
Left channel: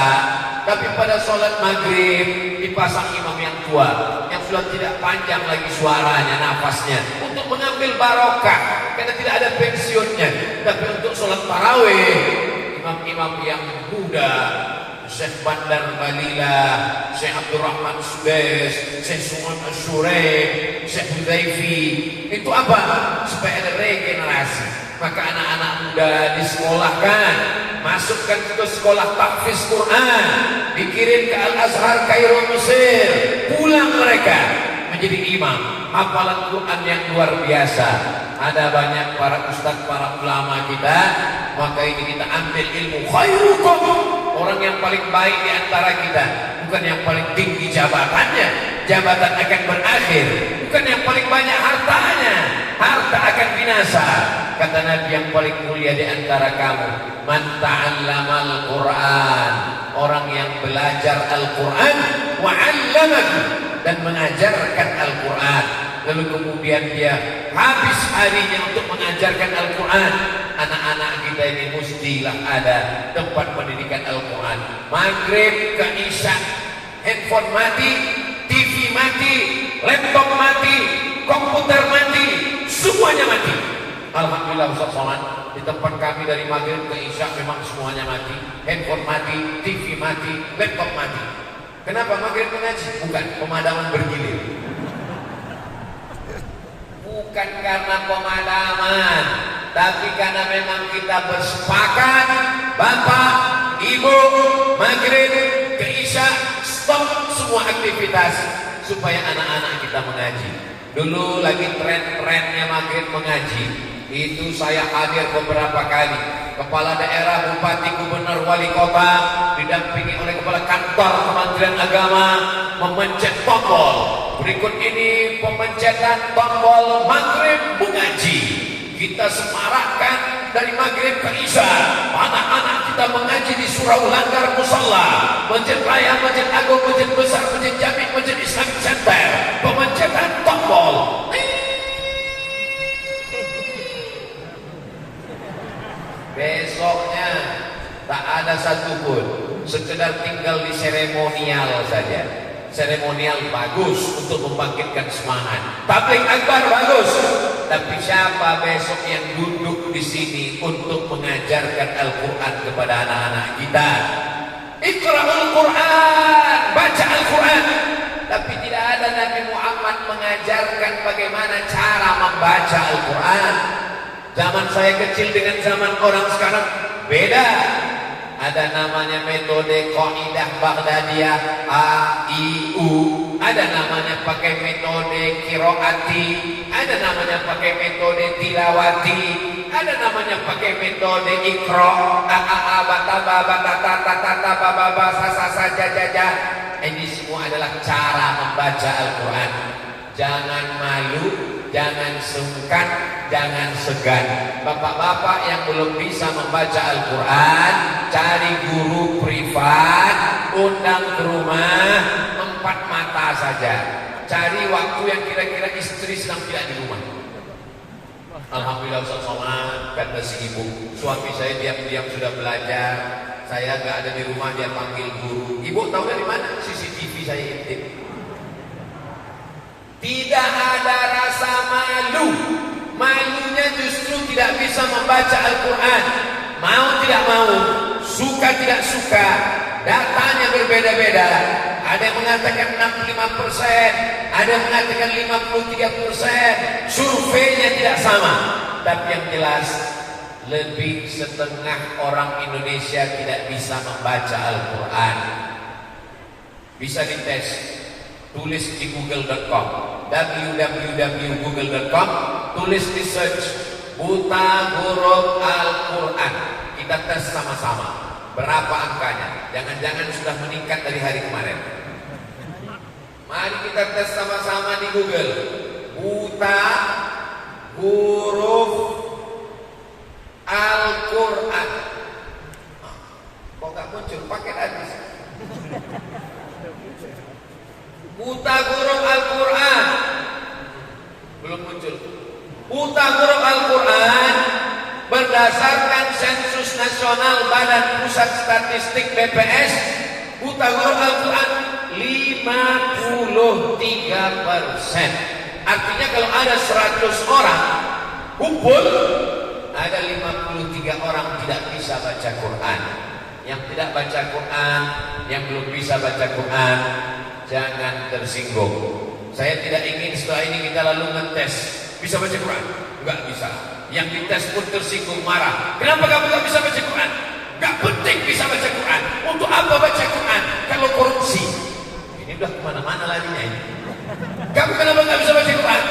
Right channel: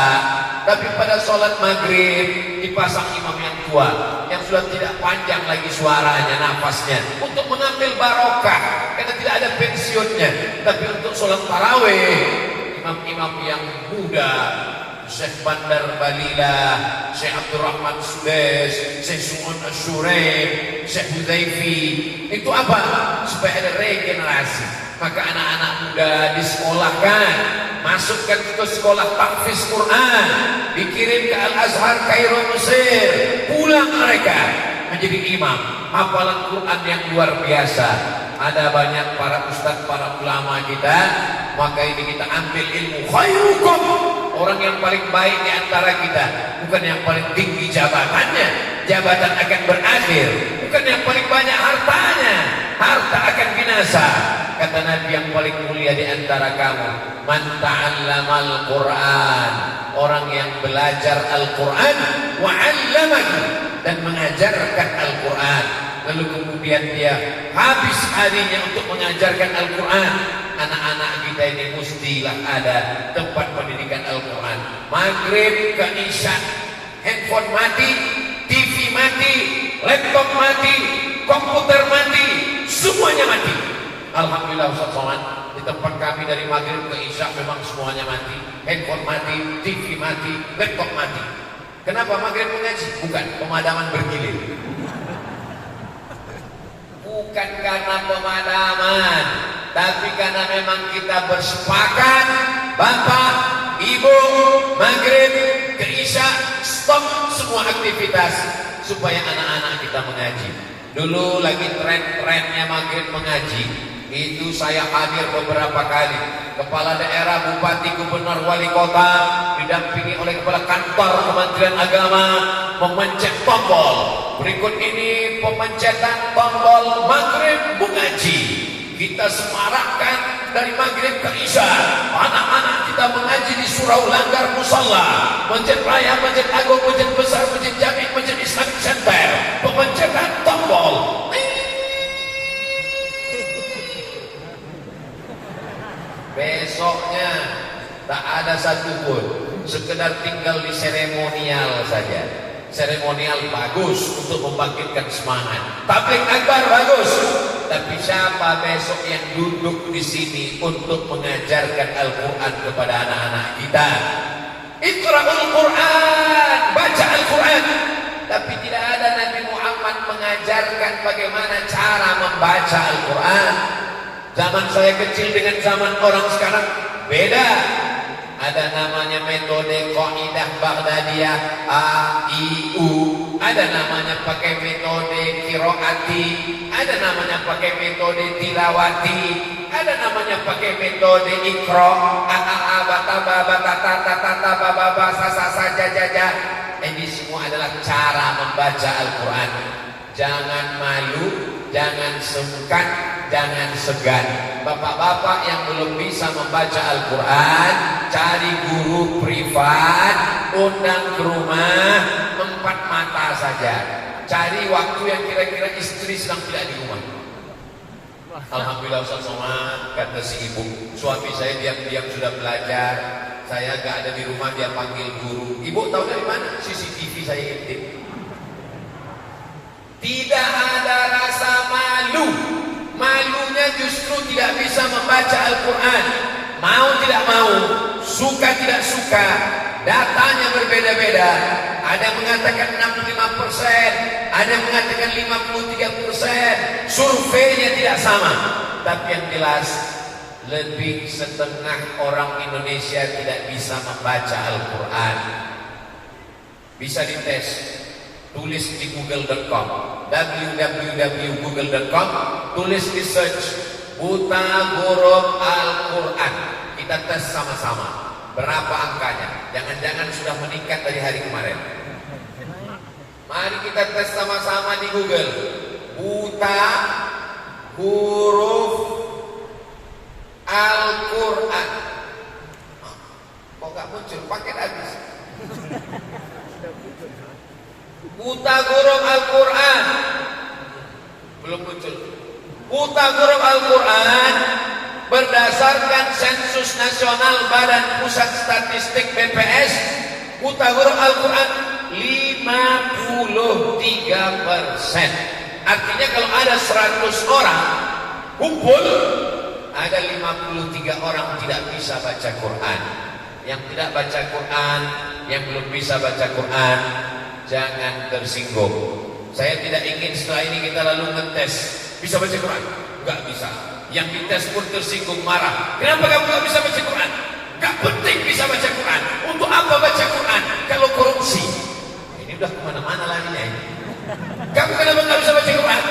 tapi pada sholat Maghrib dipasang imam yang tua, yang sudah tidak panjang lagi suaranya, nafasnya, untuk mengambil barokah, karena tidak ada pensiunnya. Tapi untuk sholat tarawih, imam-imam yang muda, Syekh Bandar Balila, Syekh Abdurrahman Sudais, Syekh Su'un Asyurain, Syekh Huzaifi, itu apa? Supaya ada regenerasi. Maka anak-anak muda disekolahkan, masukkan ke sekolah tahfiz Quran, dikirim ke Al-Azhar Kairo Mesir, pulang mereka menjadi imam, hafalan Quran yang luar biasa. Ada banyak para ustaz, para ulama kita, maka ini kita ambil ilmu. Khairukum, orang yang paling baik di antara kita, bukan yang paling tinggi jabatannya, jabatan akan berakhir, bukan yang paling banyak hartanya, harta akan binasa. Kata Nabi, yang paling mulia di antara kamu, man ta'allamal Quran, orang yang belajar Al-Quran, wa 'allamahu, dan mengajarkan Al-Quran. Lalu kemudian dia habis harinya untuk mengajarkan Al-Quran. Anak-anak kita ini mestilah ada tempat pendidikan Al-Quran. Maghrib ke Isya, handphone mati, TV mati, laptop mati, komputer mati, semuanya mati. Alhamdulillah Ustaz Somad, di tempat kami dari Maghrib ke Isya memang semuanya mati. Handphone mati, TV mati, laptop mati. Kenapa Maghrib mengaji? Bukan, pemadaman bergilir. Bukan karena pemadaman, tapi karena memang kita bersepakat, Bapak, Ibu, Maghrib ke Isya, stop semua aktivitas. supaya anak-anak kita mengaji. Dulu lagi tren-trennya maghrib mengaji. Itu saya hadir beberapa kali. Kepala daerah, bupati, gubernur, wali kota didampingi oleh kepala kantor Kementerian Agama memencet tombol. Berikut ini pemencetan tombol maghrib mengaji. Kita semarakkan dari maghrib ke isya. Anak-anak kita mengaji di surau langgar musalla, masjid raya, masjid agung, masjid besar, masjid jami, masjid Islamic Center. Pemencetan tombol. Besoknya tak ada satupun, sekedar tinggal di seremonial saja. Seremonial bagus untuk membangkitkan semangat. Tabligh akbar bagus, tapi siapa besok yang duduk di sini untuk mengajarkan Al-Quran kepada anak-anak kita? Iqra'ul Quran, baca Al-Quran. Tapi tidak ada Nabi Muhammad mengajarkan bagaimana cara membaca Al-Quran. Zaman saya kecil dengan zaman orang sekarang beda. Ada namanya metode Qaidah Baghdadiyah A, I, U. Ada namanya pakai metode Qiraati. Ada namanya pakai metode Tilawati. Ada namanya pakai metode Iqra. A, A, A, bata, ba, bata, ta, ta, ta, ta, ba, ba, ba, sa, sa, sa, ja, ja, ja. Ini semua adalah cara membaca Al-Quran. Jangan malu, jangan sungkan, jangan segan. Bapak-bapak yang belum bisa membaca Al-Quran, cari guru privat, undang ke rumah, 4 mata saja. Cari waktu yang kira-kira istri sedang tidak di rumah. Alhamdulillah Ustaz Somad, kata si ibu, suami saya diam-diam sudah belajar. Saya gak ada di rumah, dia panggil guru. Ibu tahu dari mana? CCTV saya intip. Tidak ada rasa malu. Malunya justru tidak bisa membaca Al-Quran. Mau tidak mau, suka tidak suka, datanya berbeda-beda. Ada yang mengatakan 65%, ada yang mengatakan 53%. Surveinya tidak sama. Tapi yang jelas, lebih setengah orang Indonesia tidak bisa membaca Al-Quran. Bisa dites. Tulis di google.com, www.google.com, tulis di search buta huruf Al-Quran. Kita tes sama-sama berapa angkanya. Jangan-jangan sudah meningkat dari hari kemarin. Mari kita tes sama-sama di Google. Buta huruf Al-Quran. Kok gak muncul? Paket habis. Buta huruf Al-Quran. Belum muncul. Buta huruf Al-Quran berdasarkan sensus nasional Badan Pusat Statistik BPS, buta huruf Al-Quran 53%. Artinya kalau ada 100 orang kumpul, ada 53 orang tidak bisa baca Quran. Yang tidak baca Quran, yang belum bisa baca Quran, jangan tersinggung. Saya tidak ingin setelah ini kita lalu ngetes. Bisa baca Quran? Enggak bisa. Yang dites pun tersinggung, marah. Kenapa kamu enggak bisa baca Quran? Enggak penting bisa baca Quran. Untuk apa baca Quran kalau korupsi? Ini udah kemana-mana larinya ini. Kamu kenapa enggak bisa baca Quran?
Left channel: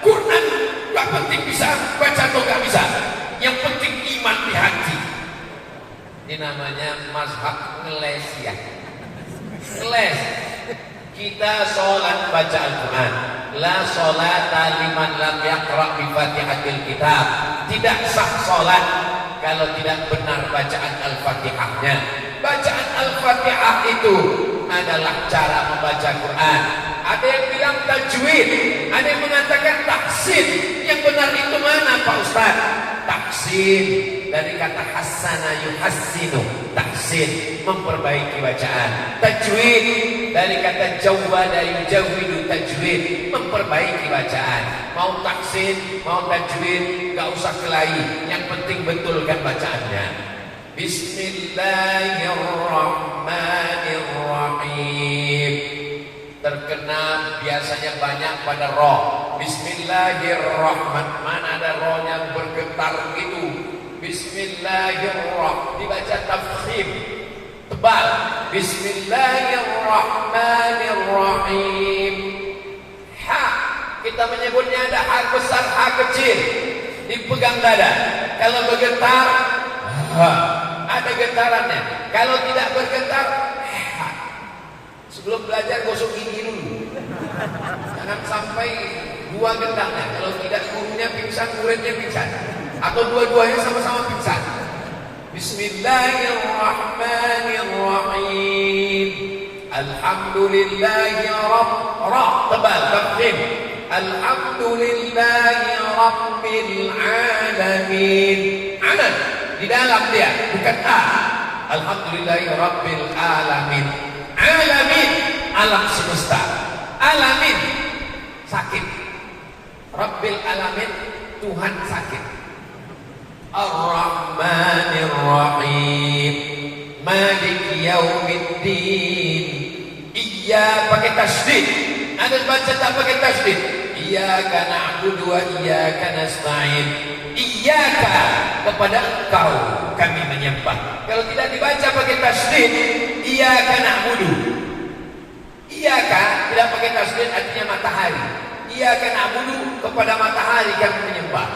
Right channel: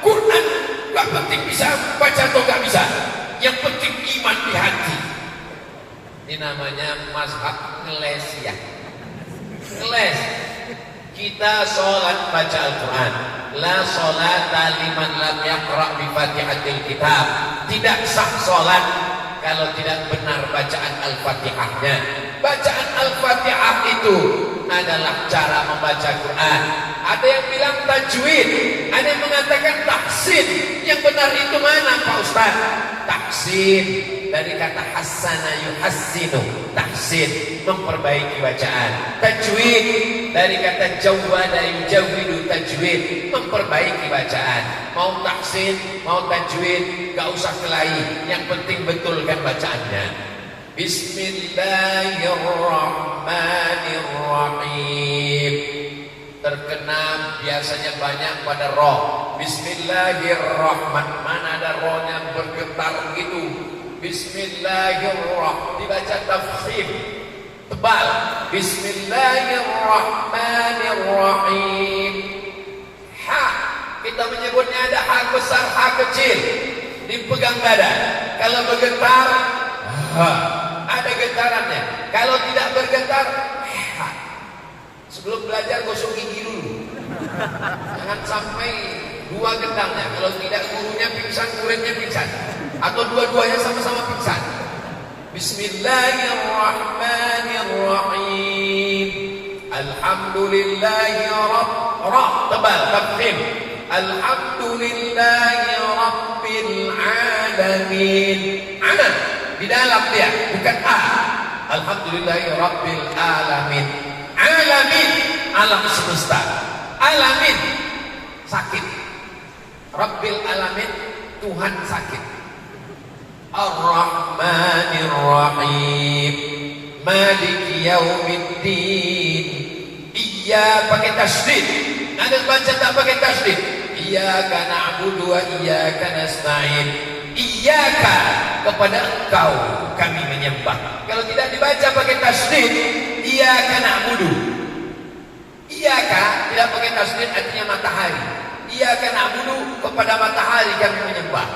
Quran enggak penting bisa baca atau enggak bisa. Yang penting iman di hati. Ini namanya mazhab ngeles ya. Ngeles. Kita sholat baca Al-Quran. La sholata liman lam yaqra' bi Fatihatil Kitab. Tidak sah sholat kalau tidak benar bacaan Al-Fatihahnya. Bacaan Al-Fatihah itu adalah cara membaca Quran. Ada yang bilang tajwid, ada yang mengatakan taksin. Yang benar itu mana Pak Ustaz? Taksin dari kata hassana yuhassinu, taksin memperbaiki bacaan. Tajwid dari kata jawwada yujawwidu, tajwid memperbaiki bacaan. Mau taksin, mau tajwid, gak usah kelahi, yang penting betulkan bacaannya. Bismillahirrahmanirrahim. Terkena biasanya banyak pada roh. Bismillahirrahmanirrahim. Mana ada rohnya bergetar gitu. Bismillahirrahmanirrahim. Dibaca tafkhim tebal. Bismillahirrahmanirrahim. kita menyebutnya ada hak besar, hak kecil. Dipegang dada. Kalau bergetar, ada getarannya. Kalau tidak bergetar, sebelum belajar gosok gigi dulu. Jangan sampai dua gendangnya. Kalau tidak gurunya pingsan, muridnya pingsan. Atau dua-duanya sama-sama pingsan. Bismillahirrahmanirrahim. Alhamdulillahi tebal takdim. Alhamdulillahi rabbil alamin. Aman di dalam dia, bukan Alhamdulillahi rabbil alamin. Alamin, alam semesta. Alamin, sakit. Rabbil alamin, Tuhan sakit. Ar-Rahmanir Rahim, Maliki Yaumiddin. Iya pakai tasydid. Ada baca tak pakai tasydid. Iyyaka na'budu wa iyyaka nasta'in. Iyyaka, kepada Engkau kami menyembah. Kalau tidak dibaca pakai tasydid, iyyaka na'budu. Iyyaka tidak pakai tasydid artinya matahari. Iyyaka na'budu, kepada matahari kami menyembah.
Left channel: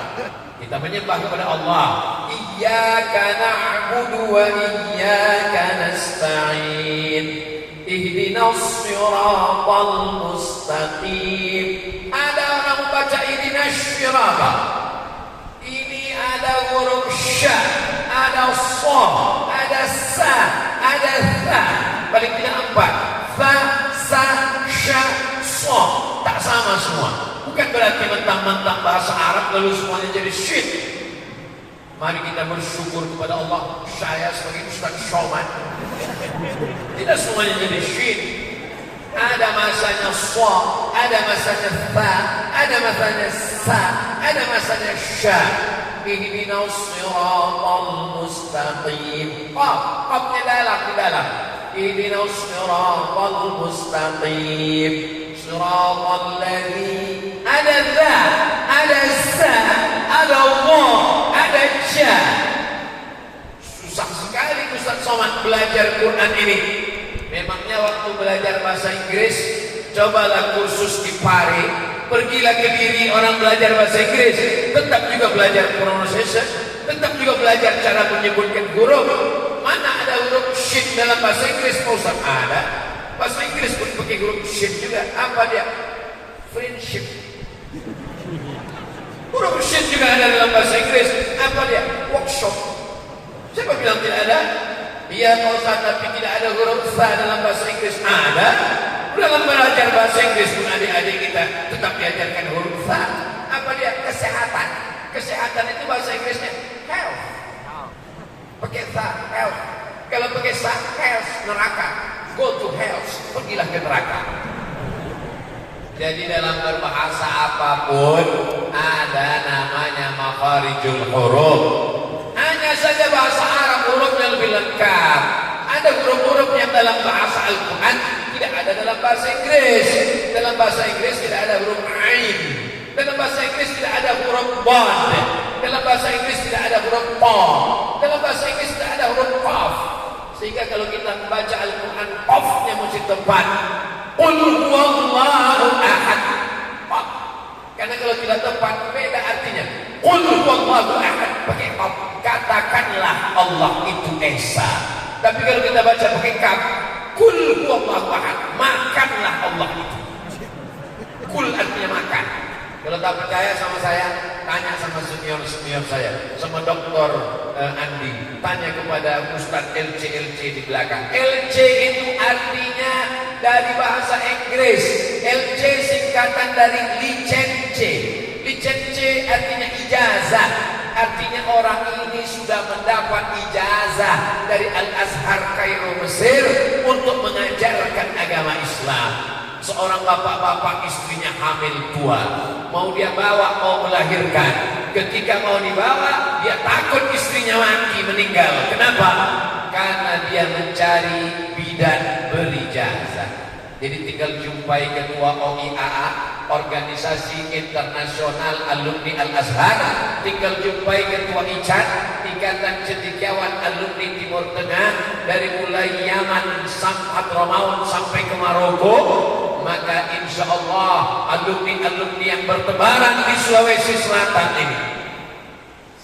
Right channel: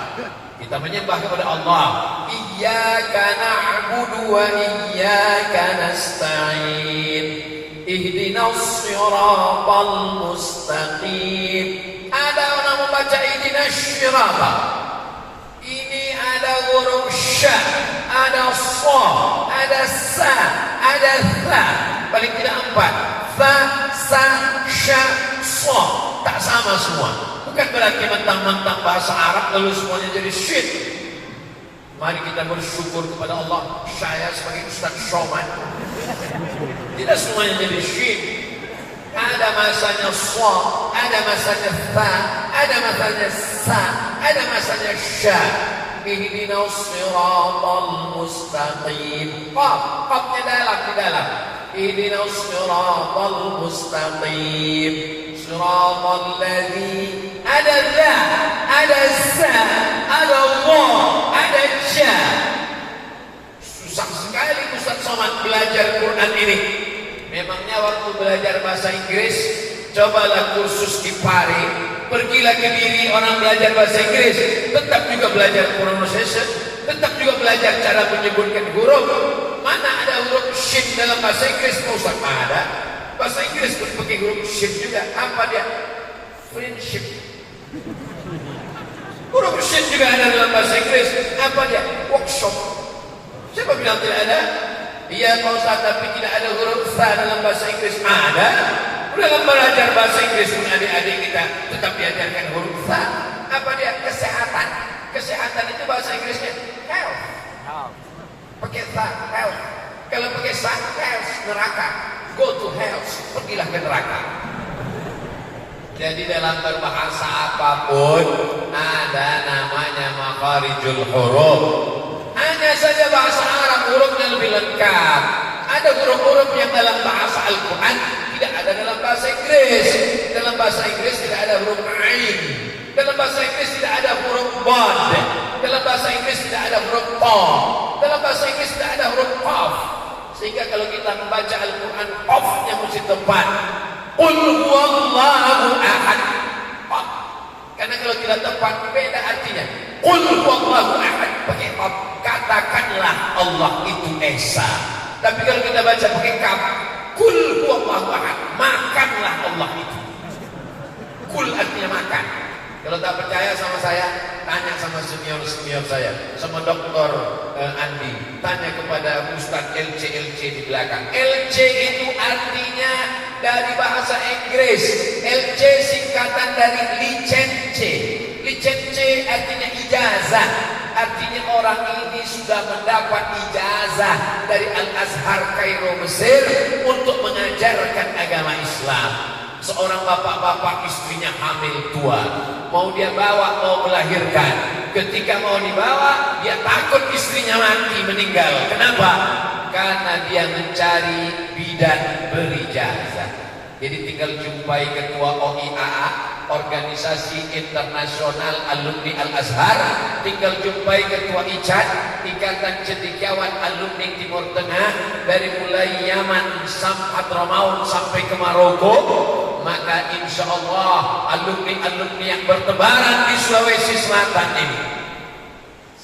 Kita menyembah kepada Allah. Iyyaka na'budu wa iyyaka nasta'in. Ihdinas siratal mustaqim. Ada orang membaca ihdinas siratal. Ini ada huruf sya, ada sa, ada sa, ada tha. Paling tidak 4. Tha, sa, sya, sa. Tak sama semua. Bukan berarti mentang-mentang bahasa Arab lalu semuanya jadi syid. Mari kita bersyukur kepada Allah. Saya sebagai Ustaz Shoman, tidak semuanya jadi syid. Ada masanya sa, ada masanya tha, ada masanya sa, ada masanya sya. Ihdinas siratal mustaqim. Qafnya dalam, di dalam. Ihdinas siratal mustaqim. Siratal ladzi, ada dha, ada sa, ada Allah, ada sya. Susah sekali Ustaz Somad belajar Quran ini. Memangnya waktu belajar bahasa Inggris, cobalah kursus di Pare, pergilah ke Diri orang belajar bahasa Inggris, tetap juga belajar pronunciation, tetap juga belajar cara menyebutkan huruf. Mana ada huruf shin dalam bahasa Inggris? Ustaz, ada. Bahasa Inggris pun pakai huruf shin juga. Apa dia? Friendship. Huruf shin juga ada dalam bahasa Inggris. Apa dia? Workshop. Siapa bilang tidak ada? Iya Pak Ustaz, tapi tidak ada huruf sa dalam bahasa Inggris. Ada. Dalam belajar bahasa Inggris pun adik-adik kita tetap diajarkan huruf sa. Apa dia? Kesehatan. Kesehatan itu bahasa Inggrisnya health. Pakai sa, health. Kalau pakai sa, health, neraka. Go to health, pergilah ke neraka. Jadi dalam berbahasa apapun ada namanya makharijul huruf. Hanya saja bahasa Arab hurufnya lebih lengkap. Ada huruf-huruf yang dalam bahasa Al-Quran tidak ada dalam bahasa Inggris. Dalam bahasa Inggris tidak ada huruf ain. Dalam bahasa Inggris tidak ada huruf bad. Dalam bahasa Inggris tidak ada huruf ta. Dalam bahasa Inggris tidak ada huruf qaf. Sehingga kalau kita membaca Al-Quran, qafnya mesti tepat. Qul huwallahu ahad. Karena kalau tidak tepat beda artinya. Qul huwallahu ahad pakai qaf. Katakanlah Allah itu esa. Tapi kalau kita baca pakai kaf, kul huwallahu ahad, makanlah Allah itu. Kul artinya makan. Kalau tak percaya sama saya, tanya sama senior saya, sama Doktor Andi, tanya kepada Ustaz LC di belakang. LC itu artinya dari bahasa Inggris. LC singkatan dari licence. Licence artinya ijazah. Artinya orang ini sudah mendapat ijazah dari Al-Azhar Kairo Mesir untuk mengajarkan agama Islam. Seorang bapak-bapak istrinya hamil tua, mau dia bawa, mau melahirkan. Ketika mau dibawa, dia takut istrinya mati, meninggal. Kenapa? Karena dia mencari bidan berijazah. Jadi tinggal jumpai ketua OIAA, Organisasi Internasional Alumni Al-Azhar, tinggal jumpai ketua ICAT, Ikatan Cendekiawan Alumni Timur Tengah, dari mulai Yaman sampai Hadramaut sampai ke Maroko. maka insya Allah alumni-alumni yang bertebaran di Sulawesi Selatan ini.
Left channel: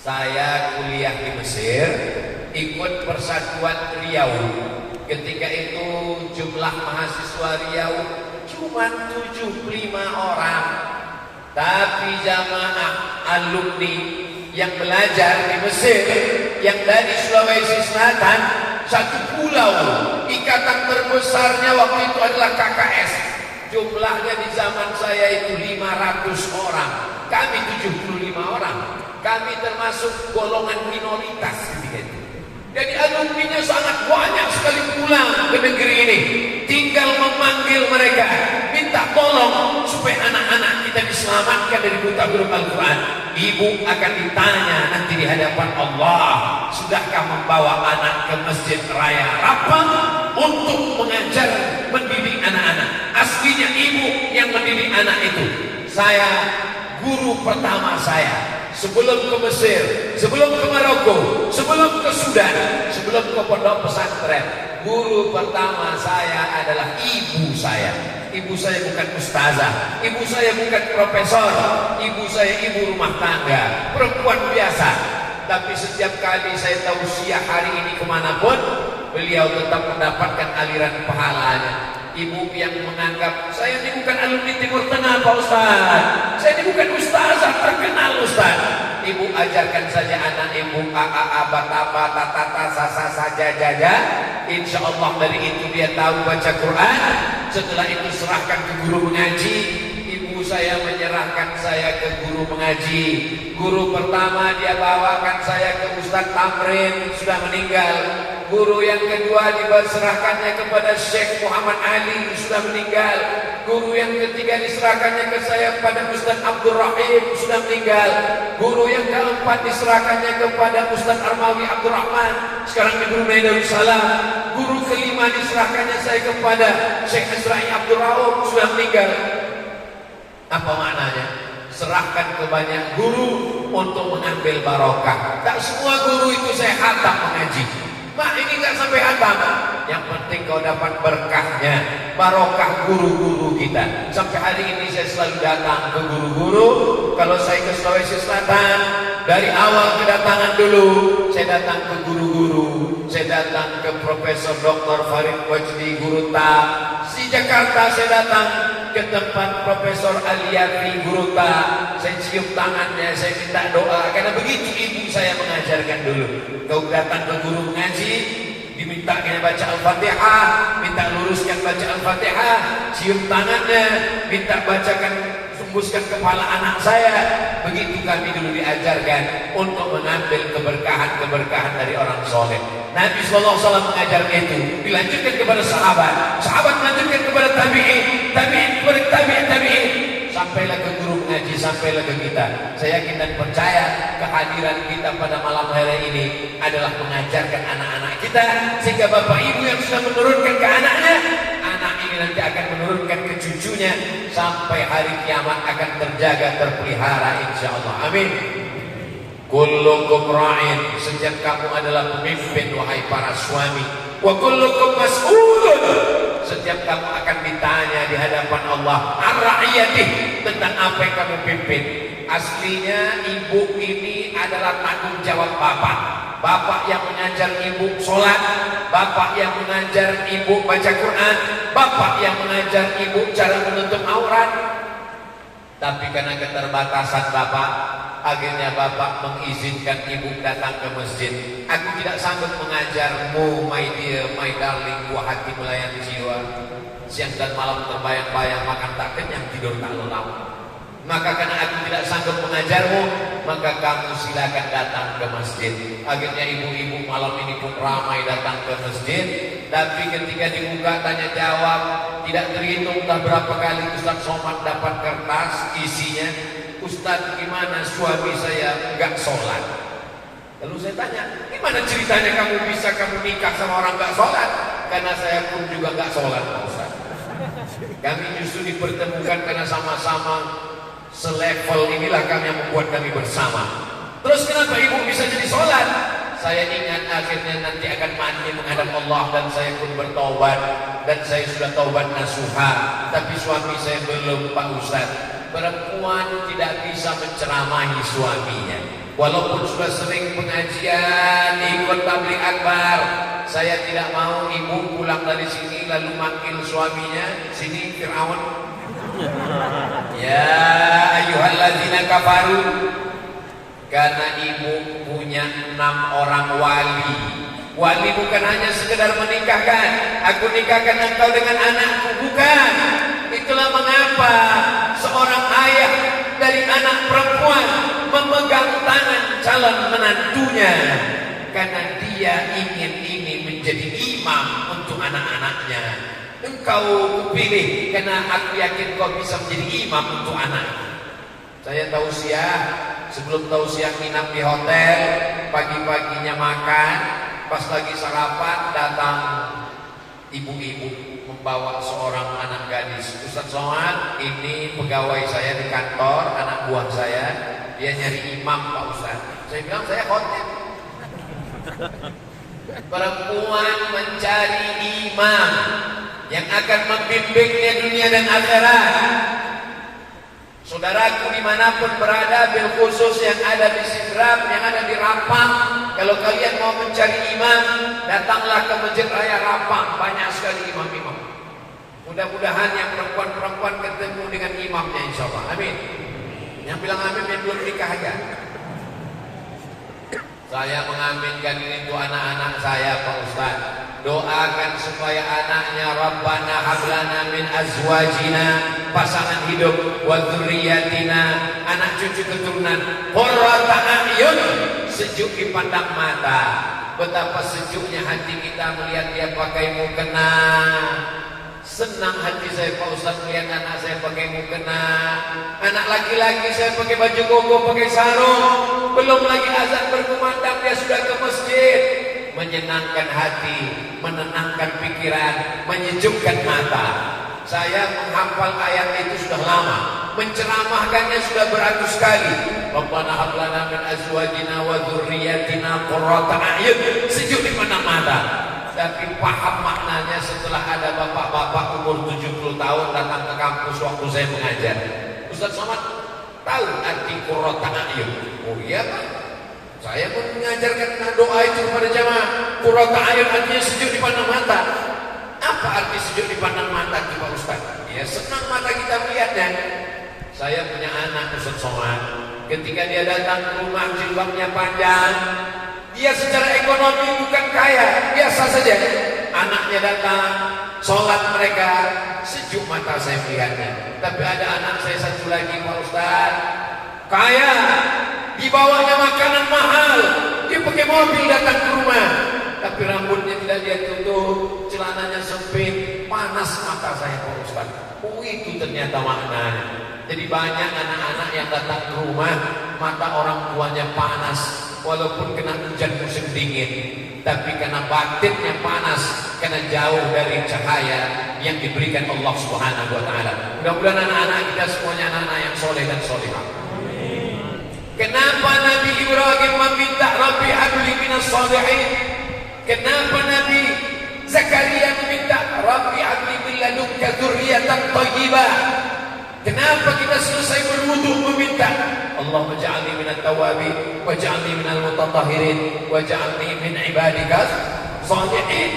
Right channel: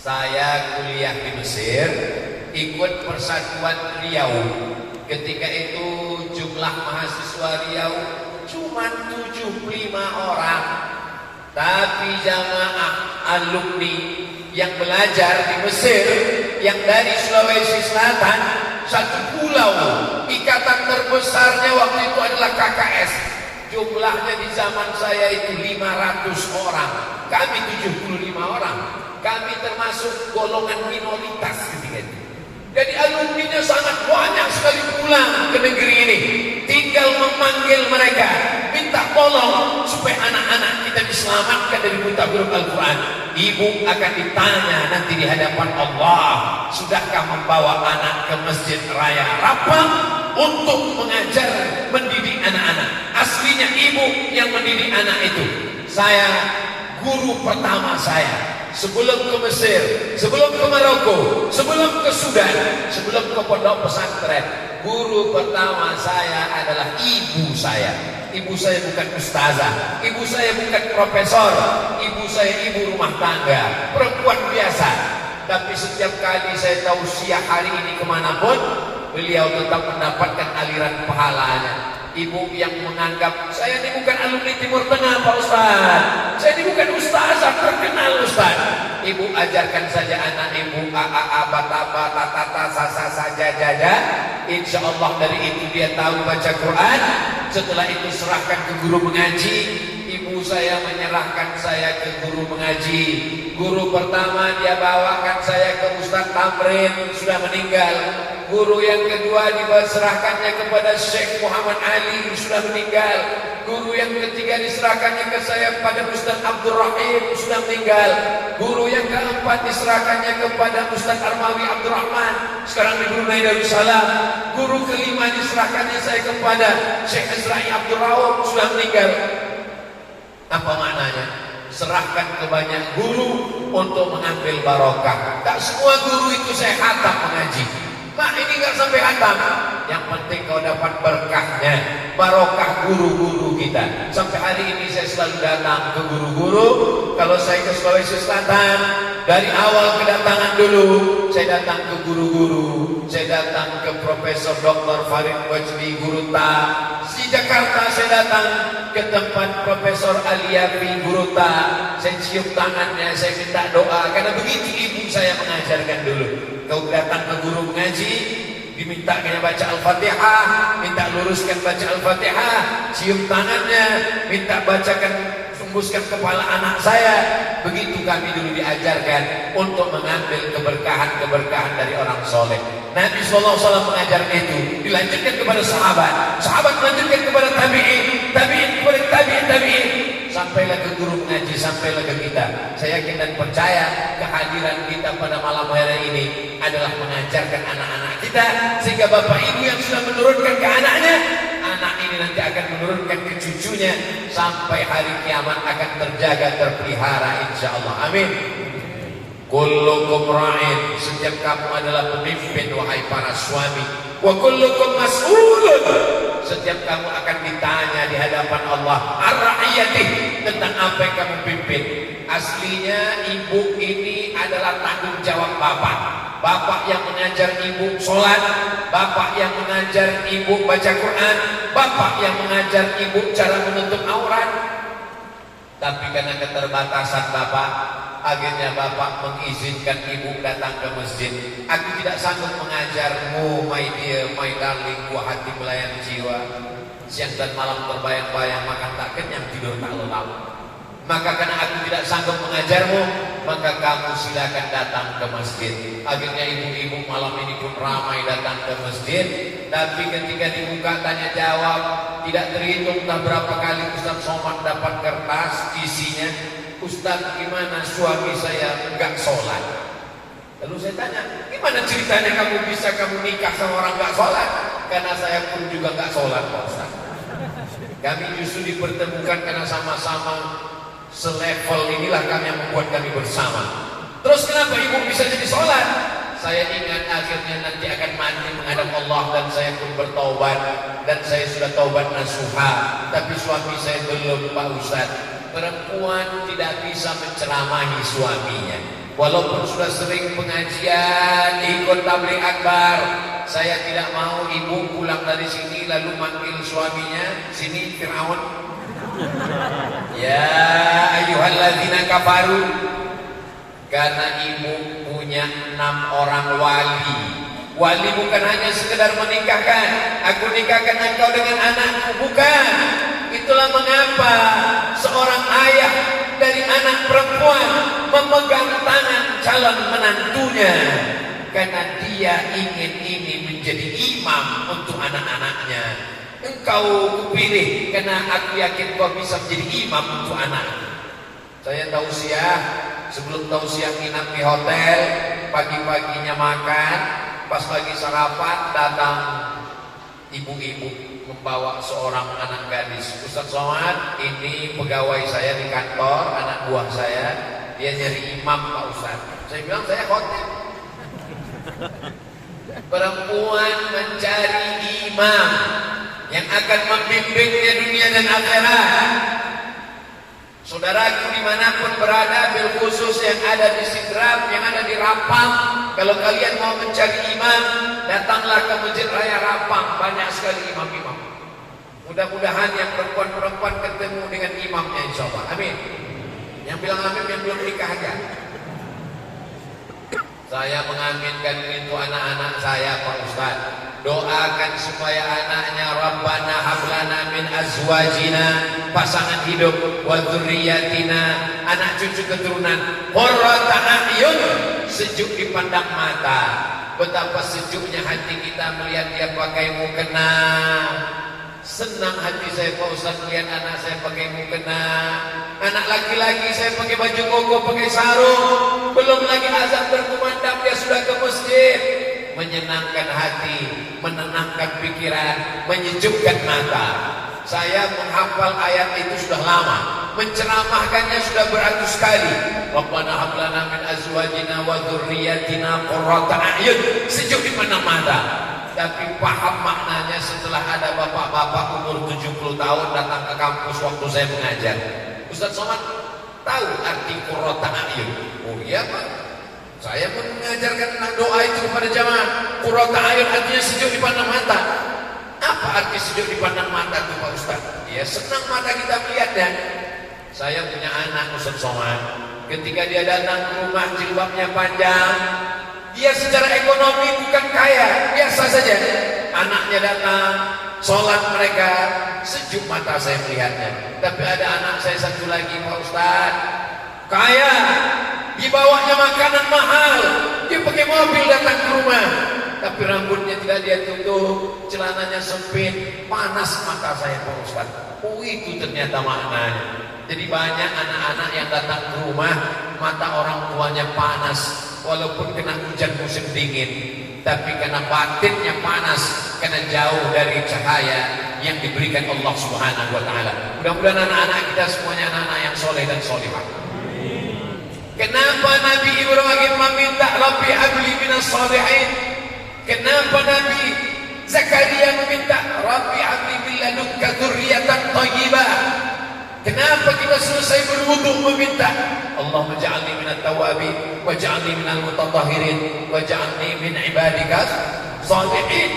Saya kuliah di Mesir, ikut Persatuan Riau. Ketika itu jumlah mahasiswa Riau cuma 75 orang. Tapi jamaah alumni yang belajar di Mesir, yang dari Sulawesi Selatan, satu pulau, ikatan terbesarnya waktu itu adalah KKS. Jumlahnya di zaman saya itu 500 orang. Kami 75 orang. Kami termasuk golongan minoritas ketika itu. Jadi alumninya sangat banyak sekali pulang ke negeri ini. Tinggal memanggil mereka, minta tolong supaya anak-anak kita diselamatkan dari buta huruf Al-Quran. Ibu akan ditanya nanti di hadapan Allah, sudahkah membawa anak ke Masjid Raya Rapang untuk mengajar, mendidik anak-anak? Aslinya ibu yang mendidik anak itu. Saya, guru pertama saya, sebelum ke Mesir, sebelum ke Maroko, sebelum ke Sudan, sebelum ke pondok pesantren, guru pertama saya adalah ibu saya. Ibu saya bukan ustazah, ibu saya bukan profesor, ibu saya ibu rumah tangga, perempuan biasa. Tapi setiap kali saya tausiah hari ini kemanapun, beliau tetap mendapatkan aliran pahalanya. Ibu yang menganggap saya ini bukan alumni Timur Tengah Pak Ustaz, saya ini bukan ustazah terkenal Ustaz. Ibu ajarkan saja anak ibu bataba tatata sasa saja jaja. Insya Allah dari itu dia tahu baca Quran. Setelah itu serahkan ke guru mengaji. Ibu saya menyerahkan saya ke guru mengaji. Guru pertama dia bawakan saya ke Ustaz Tamrin, sudah meninggal. Guru yang kedua diserahkannya kepada Syekh Muhammad Ali, sudah meninggal. Guru yang ketiga diserahkannya ke saya pada Ustaz Abdul Rahim, sudah meninggal. Guru yang keempat diserahkannya kepada Ustaz Armawi Abdul Rahman, sekarang di Brunei Darussalam. Guru kelima diserahkannya saya kepada Syekh Azra'i Abdul Rauf, sudah meninggal. Apa maknanya? Serahkan ke banyak guru untuk mengambil barokah. Tak semua guru itu saya khatam mengaji. Pak, ini nggak sampai hatam. Yang penting kau dapat berkahnya, barokah guru-guru kita. Sampai hari ini saya selalu datang ke guru-guru. Kalau saya ke Sulawesi Selatan, dari awal kedatangan dulu, saya datang ke guru-guru. Saya datang ke Profesor Dr. Farid Wajdi Guruta. Di Jakarta saya datang ke tempat Profesor Aliyafi Guruta. Saya cium tangannya, saya minta doa. Karena begitu ibu saya mengajarkan dulu. Kau datang ke guru mengaji, diminta kena baca Al-Fatihah, minta luruskan baca Al-Fatihah, cium tangannya, minta bacakan, sembuskan kepala anak saya. Begitu kami dulu diajarkan untuk mengambil keberkahan-keberkahan dari orang soleh. Nabi SAW mengajarkan itu, dilanjutkan kepada sahabat, sahabat melanjutkan kepada tabi'in, tabi'in kepada tabi'in, sampailah ke guru mengaji, sampailah ke kita. Saya yakin dan percaya kehadiran kita pada malam hari ini adalah mengajarkan anak-anak kita, sehingga bapak ibu yang sudah menurunkan ke anaknya, anak ini nanti akan menurunkan ke cucunya, sampai hari kiamat akan terjaga, terpelihara insyaallah. Amin. Kullukum ra'in, setiap kamu adalah pemimpin wahai para suami. Wa kullukum mas'ulun, setiap kamu akan ditanya di hadapan Allah ar-ra'iyatih, tentang apa yang kamu pimpin. Aslinya ibu ini adalah tanggung jawab bapak. Bapak yang mengajar ibu sholat, bapak yang mengajar ibu baca Quran, bapak yang mengajar ibu cara menutup aurat. Tapi karena keterbatasan bapak, akhirnya bapak mengizinkan ibu datang ke masjid. Aku tidak sanggup mengajarmu, my dear, my darling, buah hati melayani jiwa. Siang dan malam terbayang-bayang, makan tak kenyang, tidur tak lelap. Maka karena aku tidak sanggup mengajarmu, maka kamu silakan datang ke masjid. Akhirnya ibu-ibu malam ini pun ramai datang ke masjid. Tapi ketika dibuka tanya jawab, tidak terhitung entah berapa kali Ustaz Somad dapat kertas isinya, Ustaz, gimana suami saya enggak sholat? Lalu saya tanya, gimana ceritanya kamu nikah sama orang enggak sholat? Karena saya pun juga enggak sholat, Pak Ustaz. Kami justru dipertemukan karena sama-sama selevel, inilah kami yang membuat kami bersama. Terus kenapa ibu bisa jadi sholat? Saya ingat akhirnya nanti akan mandi menghadap Allah dan saya pun bertaubat dan saya sudah taubat nasuha. Tapi suami saya belum, Pak Ustaz. Perempuan tidak bisa menceramahi suaminya. Walaupun sudah sering pengajian, ikut tabligh akbar, saya tidak mau ibu pulang dari sini lalu manggil suaminya, sini Fir'aun. Ya ayyuhalladzina kafaru. Karena ibu punya 6 orang wali. Wali bukan hanya sekedar menikahkan, aku nikahkan engkau dengan anakku, bukan. Itulah mengapa seorang ayah dari anak perempuan memegang tangan calon menantunya, karena dia ingin ini menjadi imam untuk anak-anaknya. Engkau kupilih karena aku yakin kau bisa menjadi imam untuk anak. Saya tausiah, sebelum tausiah nginap di hotel, pagi-paginya makan, pas lagi sarapan datang ibu-ibu membawa seorang anak gadis. Ustaz Somad, ini pegawai saya di kantor, anak buah saya, dia nyari imam Pak Ustaz. Saya bilang saya hotel. Perempuan mencari imam yang akan membimbingnya dunia dan akhirat. Saudaraku dimanapun berada, bil khusus yang ada di Sidrap, yang ada di Rapang, kalau kalian mau mencari imam, datanglah ke Masjid Raya Rapang, banyak sekali imam-imam. Mudah-mudahan yang perempuan-perempuan ketemu dengan imamnya, insya Allah. Amin. Yang bilang amin yang belum nikah aja. Saya mengaminkan itu anak-anak saya, Pak Ustaz. Doakan supaya anaknya Rabbana hablana min azwajina, pasangan hidup, wa dzurriyyatina, anak cucu keturunan, qurrata a'yun, sejuk dipandang mata. Betapa sejuknya hati kita melihat dia pakai mukena. Senang hati saya Pak Ustaz lihat anak saya pakai mukena. Anak laki-laki saya pakai baju koko, pakai sarung. Belum lagi azan berkumandang dia sudah ke masjid. Menyenangkan hati, menenangkan pikiran, menyejukkan mata. Saya menghafal ayat itu sudah lama, menceramahkannya sudah beratus kali. Rabbana hab lana min azwajina wa dzurriyyatina qurrata a'yun, sejuk di mata. Tapi paham maknanya setelah ada bapak-bapak umur 70 tahun datang ke kampus waktu saya mengajar. Ustaz Somad tahu arti qurrata a'yun? Oh iya Pak. Saya pun mengajarkan doa itu kepada jamaah. Qurrata a'yun artinya sejuk di pandang mata. Apa arti sejuk di pandang mata itu Pak Ustaz? Ya senang mata kita melihatnya. Saya punya anak Ustaz Somad. Ketika dia datang ke rumah jilbabnya panjang, dia secara ekonomi bukan kaya, biasa saja. Anaknya datang, sholat mereka, sejuk mata saya melihatnya. Tapi ada anak saya satu lagi Pak Ustaz, kaya, dibawanya makanan mahal, dia pakai mobil datang ke rumah, tapi rambutnya tidak dia tutup, celananya sempit, panas mata saya Pak Ustaz. Oh itu ternyata maknanya. Jadi banyak anak-anak yang datang ke rumah, mata orang tuanya panas, walaupun kena hujan musim dingin, tapi karena batinnya panas, karena jauh dari cahaya yang diberikan Allah Subhanahu wa Ta'ala. Mudah-mudahan anak-anak kita semuanya anak-anak yang soleh dan solehah. Kenapa Nabi Ibrahim meminta Rabbi habli minas salihin? Kenapa Nabi Zakaria meminta Rabbi habli min ladunka dzurriyyatan thayyibah? Kenapa kita selesai berwudu meminta Allahumma ja'alni minat tawabin waj'alni minal mutatahhirin waj'alni min ibadikas shalihin?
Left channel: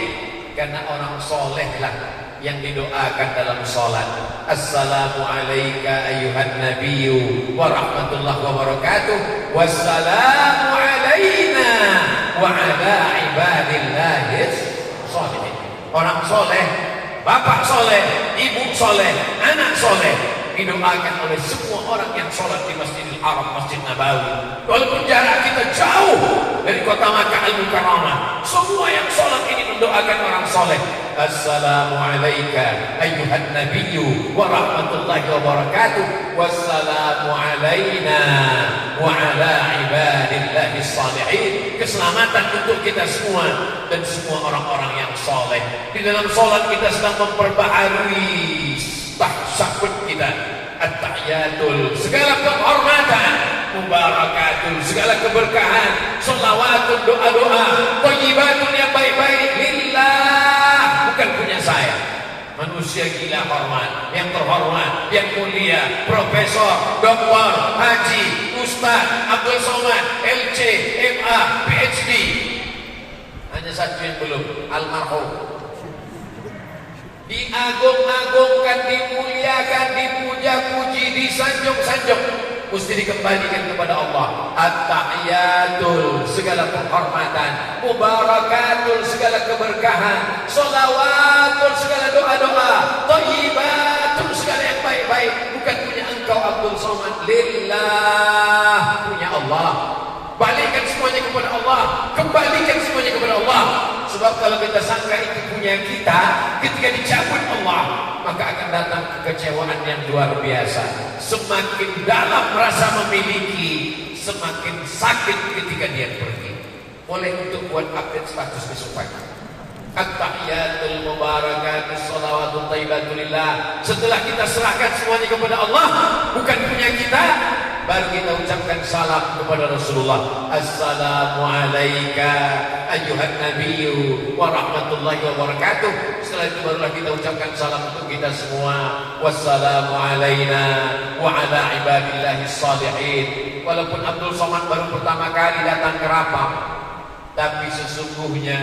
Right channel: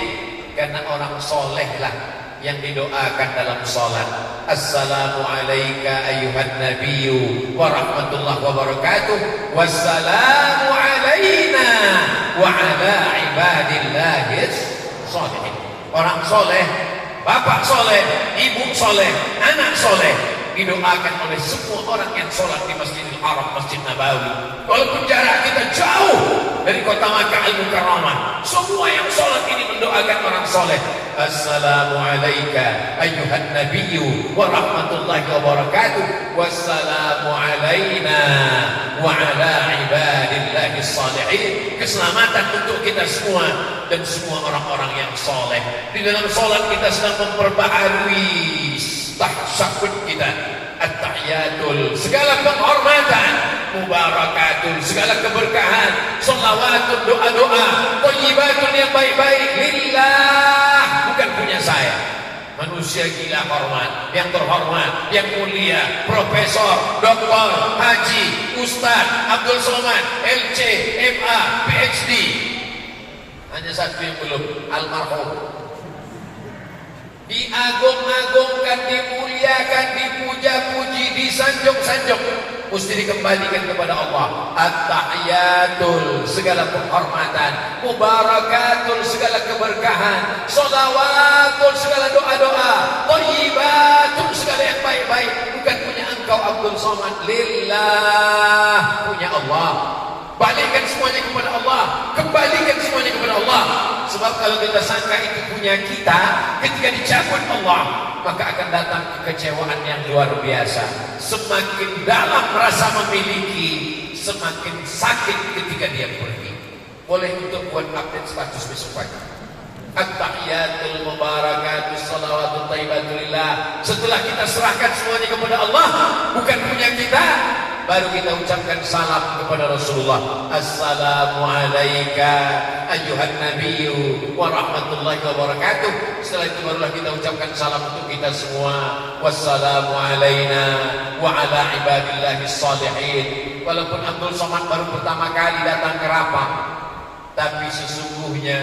Karena orang solehlah yang didoakan dalam salat. Assalamu alayka ayyuhan nabiyyu wa rahmatullahi wa barakatuh. Wassalamu alayna wa ala ibadillahis shalihin. Orang soleh, bapak soleh, ibu soleh, anak soleh didoakan oleh semua orang yang sholat di Masjidil Haram, Masjid Nabawi. Walaupun jarak kita jauh dari kota Makkah Al-Mukarramah, semua yang sholat ini mendoakan orang soleh. Assalamu alayka ayyuhan nabiyyu wa rahmatullahi wa barakatuh. Wassalamu alayna wa ala ibadillahi shalihin. Keselamatan untuk kita semua dan semua orang-orang yang soleh. Di dalam sholat kita sedang memperbaharui tahsyahud kita, at-tahiyatul, segala penghormatan mubarakatun, segala keberkahan, sholawatun, doa-doa, thayyibatun yang baik-baik lillah, bukan punya saya. Manusia gila hormat, yang terhormat, yang mulia, profesor, doktor, haji, ustaz, Abdul Somad, LC, MA, PhD. Hanya satu yang belum, almarhum. Diagung-agungkan, dimuliakan, dipuja-puji, disanjung-sanjung, mesti dikembalikan kepada Allah. At-tahiyatul, segala penghormatan, mubarakatul, segala keberkahan, sholawatul, segala doa-doa, thayyibatul, segala yang baik-baik, bukan punya engkau Abdul Somad, lillah, punya Allah. Balikkan semuanya kepada Allah, kembalikan semuanya kepada Allah. Sebab kalau kita sangka itu punya kita, ketika dicabut Allah, maka akan datang kekecewaan yang luar biasa. Semakin dalam rasa memiliki, semakin sakit ketika dia pergi. Boleh untuk buat update status besok pagi. At-tahiyatul mubarakatus salawatut thayyibatulillah. Setelah kita serahkan semuanya kepada Allah, bukan punya kita, baru kita ucapkan salam kepada Rasulullah. Assalamualaikum ayyuhan nabiyyu wa rahmatullahi wa barakatuh. Setelah itu barulah kita ucapkan salam untuk kita semua. Wassalamu alaina wa ala ibadillahis salihin. Walaupun Abdul Somad baru pertama kali datang ke Rapang, tapi sesungguhnya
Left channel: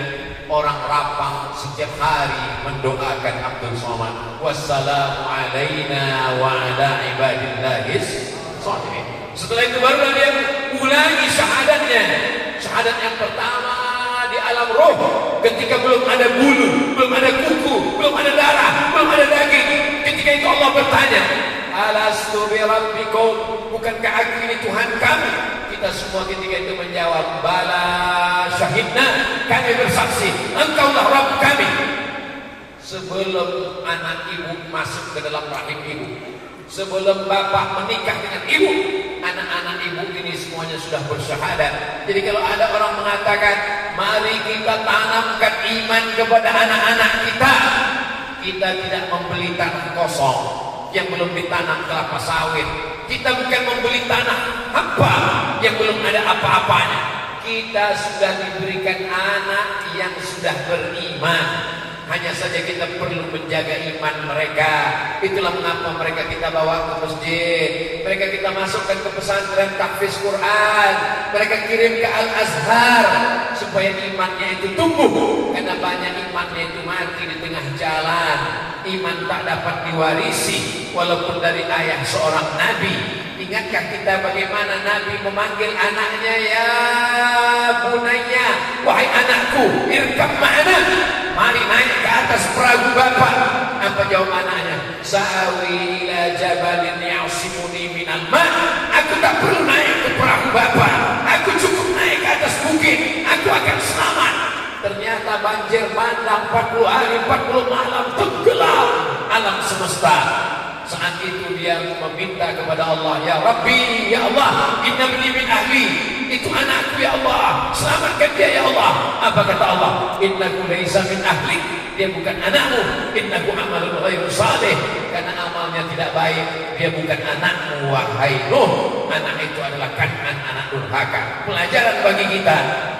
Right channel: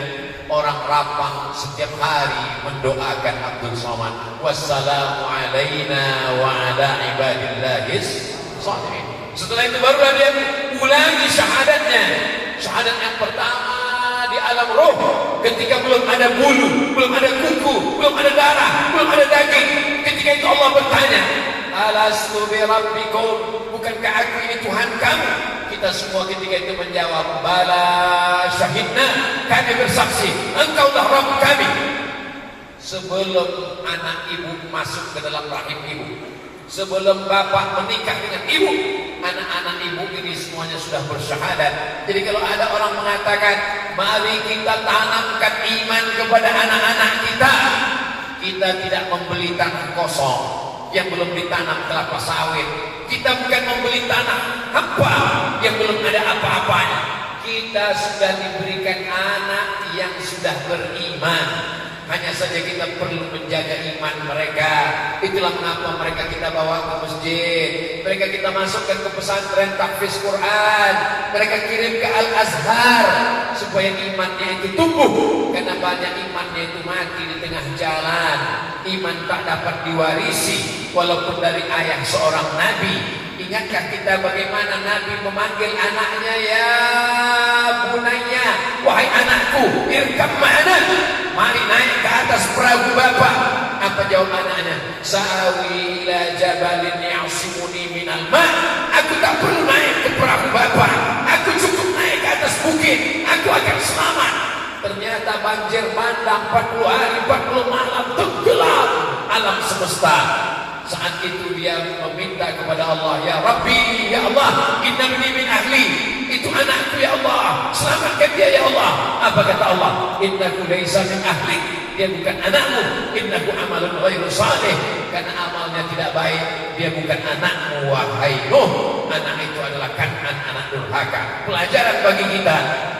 orang Rapang setiap hari mendoakan Abdul Somad. Wassalamu alaina wa ala ibadillahis salihin. Setelah itu barulah dia ulangi syahadatnya. Syahadat yang pertama di alam roh, ketika belum ada bulu, belum ada kuku, belum ada darah, belum ada daging. Ketika itu Allah bertanya, alastu bi rabbikum, bukankah aku ini Tuhan kamu? Kita semua ketika itu menjawab, bala syahidna, kami bersaksi, engkaulah Rabb kami. Sebelum anak ibu masuk ke dalam rahim ibu, sebelum bapak menikah dengan ibu, anak-anak ibu ini semuanya sudah bersyahadat. Jadi kalau ada orang mengatakan, mari kita tanamkan iman kepada anak-anak kita, kita tidak membeli tanah kosong yang belum ditanam kelapa sawit. Kita bukan membeli tanah hampa yang belum ada apa-apanya. Kita sudah diberikan anak yang sudah beriman. Hanya saja kita perlu menjaga iman mereka. Itulah mengapa mereka kita bawa ke masjid, mereka kita masukkan ke pesantren tahfiz Quran, mereka kirim ke Al-Azhar, supaya imannya itu tumbuh. Karena banyak imannya itu mati di tengah jalan. Iman tak dapat diwarisi walaupun dari ayah seorang nabi. Ingatkah kita bagaimana Nabi memanggil anaknya, ya bunayya, wahai anakku, irkab ma'ana, mari naik ke atas perahu bapak. Apa jawab anaknya? Sa'awi ila jabalin ya'simuni minal ma'. Aku tak perlu naik ke perahu bapak, aku cukup naik ke atas bukit, aku akan selamat. Ternyata banjir bandang 40 hari 40 malam, tenggelam alam semesta. Saat itu dia meminta kepada Allah, ya Rabbi, ya Allah, inna min ahli, itu anakku ya Allah, selamatkan dia ya Allah. Apa kata Allah? Innahu laisa min ahli, dia bukan anakmu. Innahu amalun ghairu salih, karena amalnya tidak baik. Dia bukan anakmu, wahai Nuh. Anak itu adalah Kan'an, anak durhaka. Pelajaran bagi kita,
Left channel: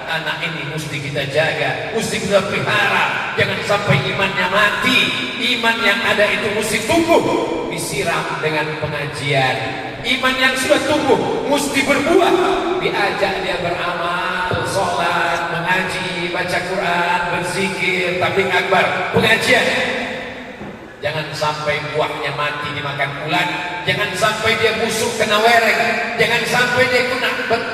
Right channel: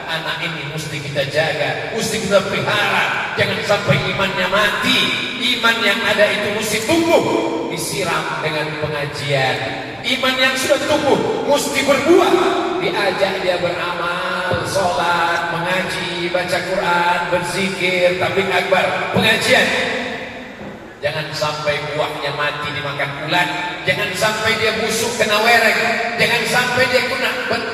anak ini mesti kita jaga, mesti kita pelihara. Jangan sampai imannya mati. Iman yang ada itu mesti tumbuh, disiram dengan pengajian. Iman yang sudah tumbuh mesti berbuah, diajak dia beramal, sholat, mengaji, baca Quran, berzikir, tabligh akbar, pengajian. Jangan sampai buahnya mati dimakan ulat. Jangan sampai dia busuk kena wereng. Jangan sampai dia kena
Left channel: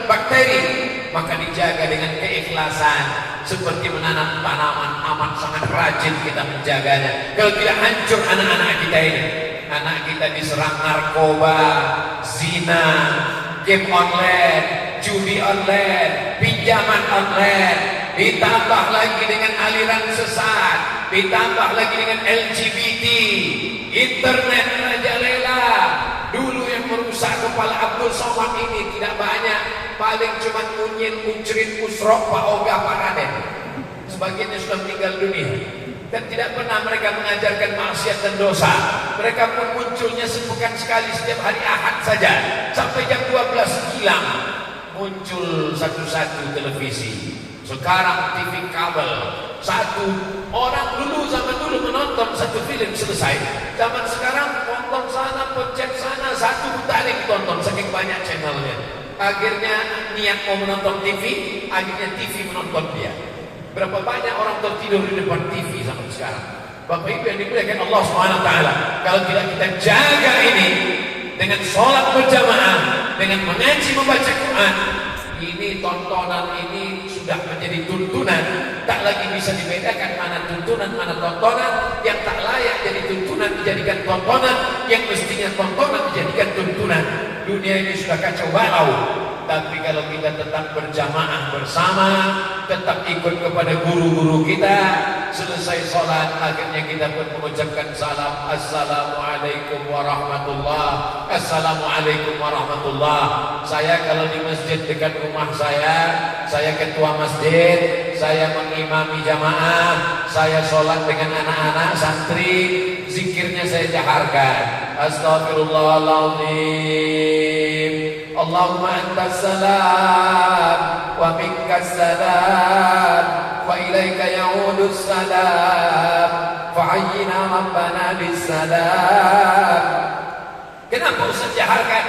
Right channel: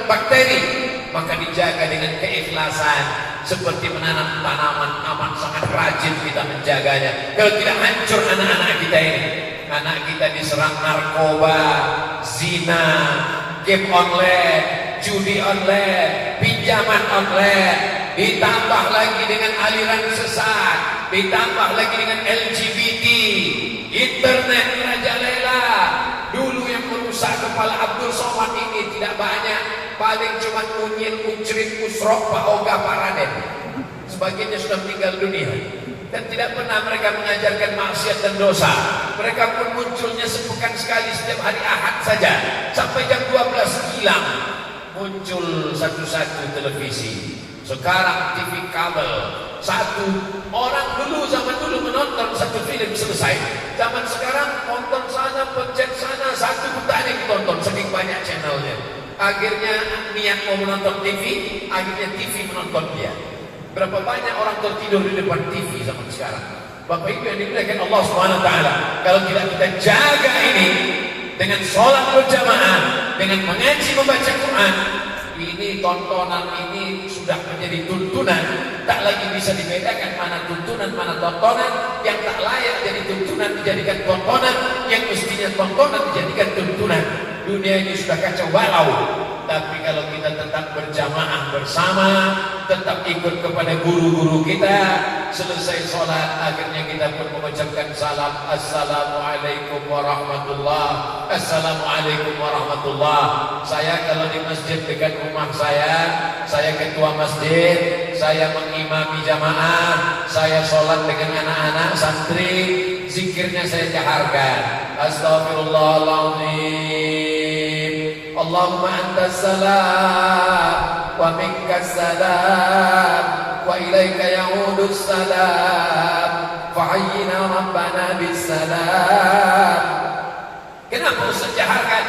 bakteri. Maka dijaga dengan keikhlasan, seperti menanam tanaman, amat sangat rajin kita menjaganya. Kalau tidak, hancur anak-anak kita ini. Anak kita diserang narkoba, zina, game online, judi online, pinjaman online, ditambah lagi dengan aliran sesat, ditambah lagi dengan LGBT, internet merajalela. Dulu yang merusak kepala Abdul Somad ini tidak banyak, paling cuma Munyin, Muncrit, Usrok, Pak Oga, Pak Raden. Sebagiannya sudah meninggal dunia. Dan tidak pernah mereka mengajarkan maksiat dan dosa. Mereka pun munculnya sepekan sekali setiap hari Ahad saja. Sampai jam 12 hilang muncul satu-satu televisi. Sekarang TV kabel. Satu orang dulu, zaman dulu menonton satu film selesai. Zaman sekarang nonton sana, pencet sana, satu tak ada ditonton, saking banyak channelnya. Akhirnya niat mau menonton TV, akhirnya TV menonton dia. Berapa banyak orang tertidur di depan TV sampai sekarang. Bapak Ibu yang dimuliakan Allah SWT, kalau tidak kita jaga ini dengan sholat berjamaah, dengan mengaji membaca Quran, ini tontonan ini sudah menjadi tuntunan. Tak lagi bisa dibedakan mana tuntunan, mana tontonan. Yang tak layak jadi tuntunan dijadikan tontonan, yang mestinya tontonan dijadikan tuntunan. Dunia ini sudah kacau balau. Tapi kalau kita tetap berjamaah bersama, tetap ikut kepada guru-guru kita, selesai sholat akhirnya kita pun mengucapkan salam, Assalamualaikum warahmatullah, Assalamualaikum warahmatullah. Saya kalau di masjid dekat rumah saya ketua masjid, saya mengimami jamaah, saya sholat dengan anak-anak santri, zikirnya saya jaharkan, Astagfirullahaladzim, Allahumma antas salam wa minkas salam wa ilaika ya'udus salam fa'ayyina rabbana bis salam. Kenapa Ustaz jaharkan?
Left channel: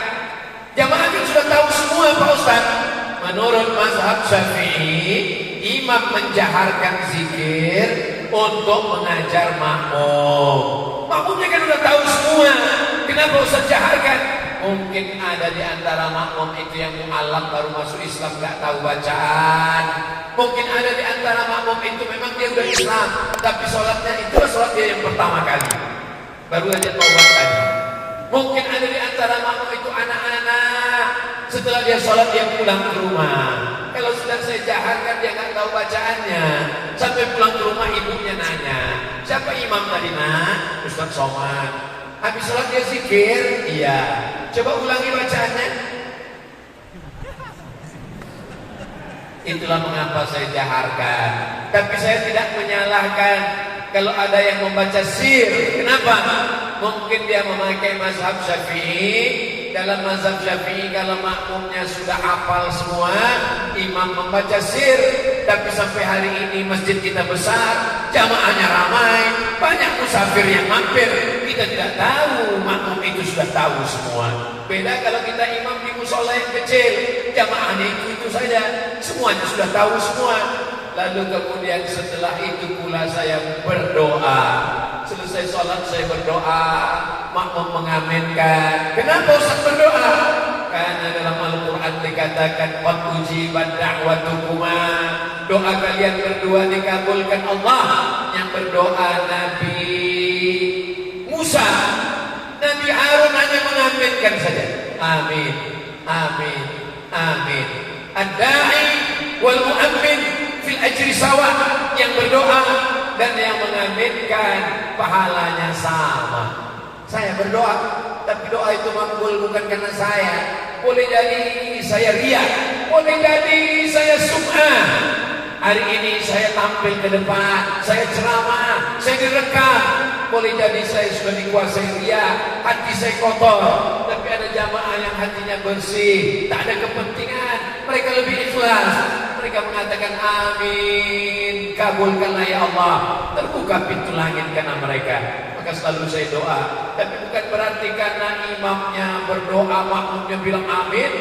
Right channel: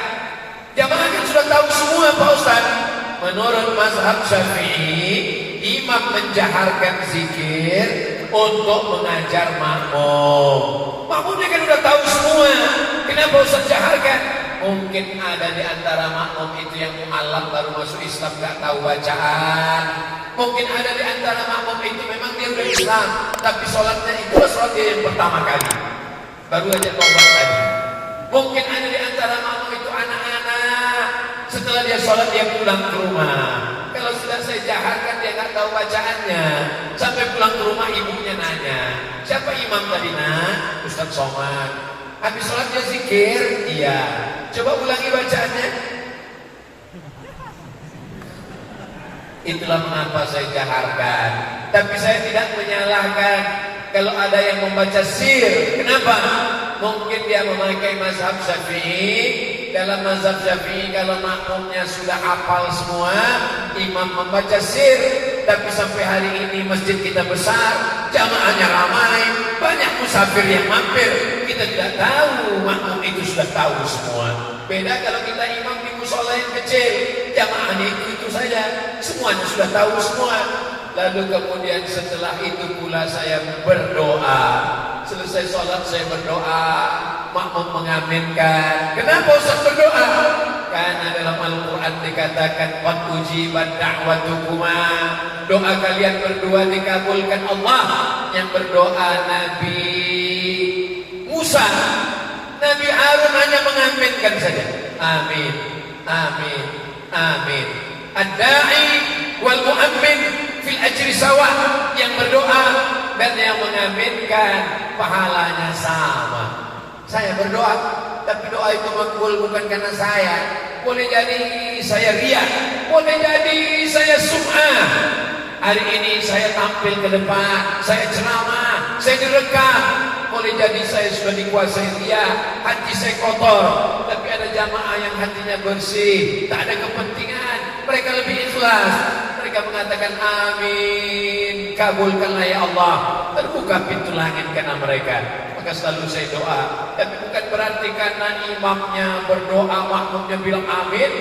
Jamaah kan sudah tahu semua Pak Ustaz. Menurut mazhab Syafi'i, imam menjaharkan zikir untuk mengajar makmum. Makmumnya kan sudah tahu semua. Kenapa Ustaz jaharkan? Mungkin ada di antara makmum itu yang mu'alaf baru masuk Islam, gak tahu bacaan. Mungkin ada di antara makmum itu memang dia udah Islam, tapi sholatnya itulah sholat dia yang pertama kali, baru aja taubat tadi. Mungkin ada di antara makmum itu anak-anak, setelah dia sholat dia pulang ke rumah. Kalau sudah saya jaharkan dia gak tahu bacaannya, sampai pulang ke rumah ibunya nanya, siapa imam tadi nak? Ustaz Somad. Habis sholat dia zikir? Iya. Coba ulangi bacaannya. Itulah mengapa saya jaharkan. Tapi saya tidak menyalahkan kalau ada yang membaca sir. Kenapa? Mungkin dia memakai mazhab Syafi'i. Dalam mazhab Syafi'i kalau makmumnya sudah hafal semua, imam membaca sir. Tapi sampai hari ini masjid kita besar, jamaahnya ramai, banyak musafir yang mampir. Kita tidak tahu makmum itu sudah tahu semua. Beda kalau kita imam di musola yang kecil, jamaahnya itu saja, semuanya sudah tahu semua. Lalu kemudian setelah itu pula saya berdoa. Selesai sholat saya berdoa, makmum mengaminkan. Kenapa Ustaz berdoa? Karena dalam Al-Quran dikatakan qad ujibat da'watukuma, doa kalian berdua dikabulkan Allah. Yang berdoa Nabi Musa, Nabi Harun hanya mengaminkan saja. Amin, amin, amin. Ad-da'i wal mu'ammin fil ajri sawa. Yang berdoa dan yang mengaminkan pahalanya sama. Saya berdoa, tapi doa itu makbul bukan karena saya. Boleh jadi saya riya, boleh jadi saya sum'ah. Hari ini saya tampil ke depan, saya ceramah, saya direkam. Boleh jadi saya sudah dikuasai riya, hati saya kotor. Tapi ada jamaah yang hatinya bersih, tak ada kepentingan, mereka lebih ikhlas. Mereka mengatakan amin, kabulkanlah ya Allah. Terbuka pintu langit karena mereka. Maka selalu saya doa. Tapi bukan berarti karena imamnya berdoa, makmumnya bilang amin,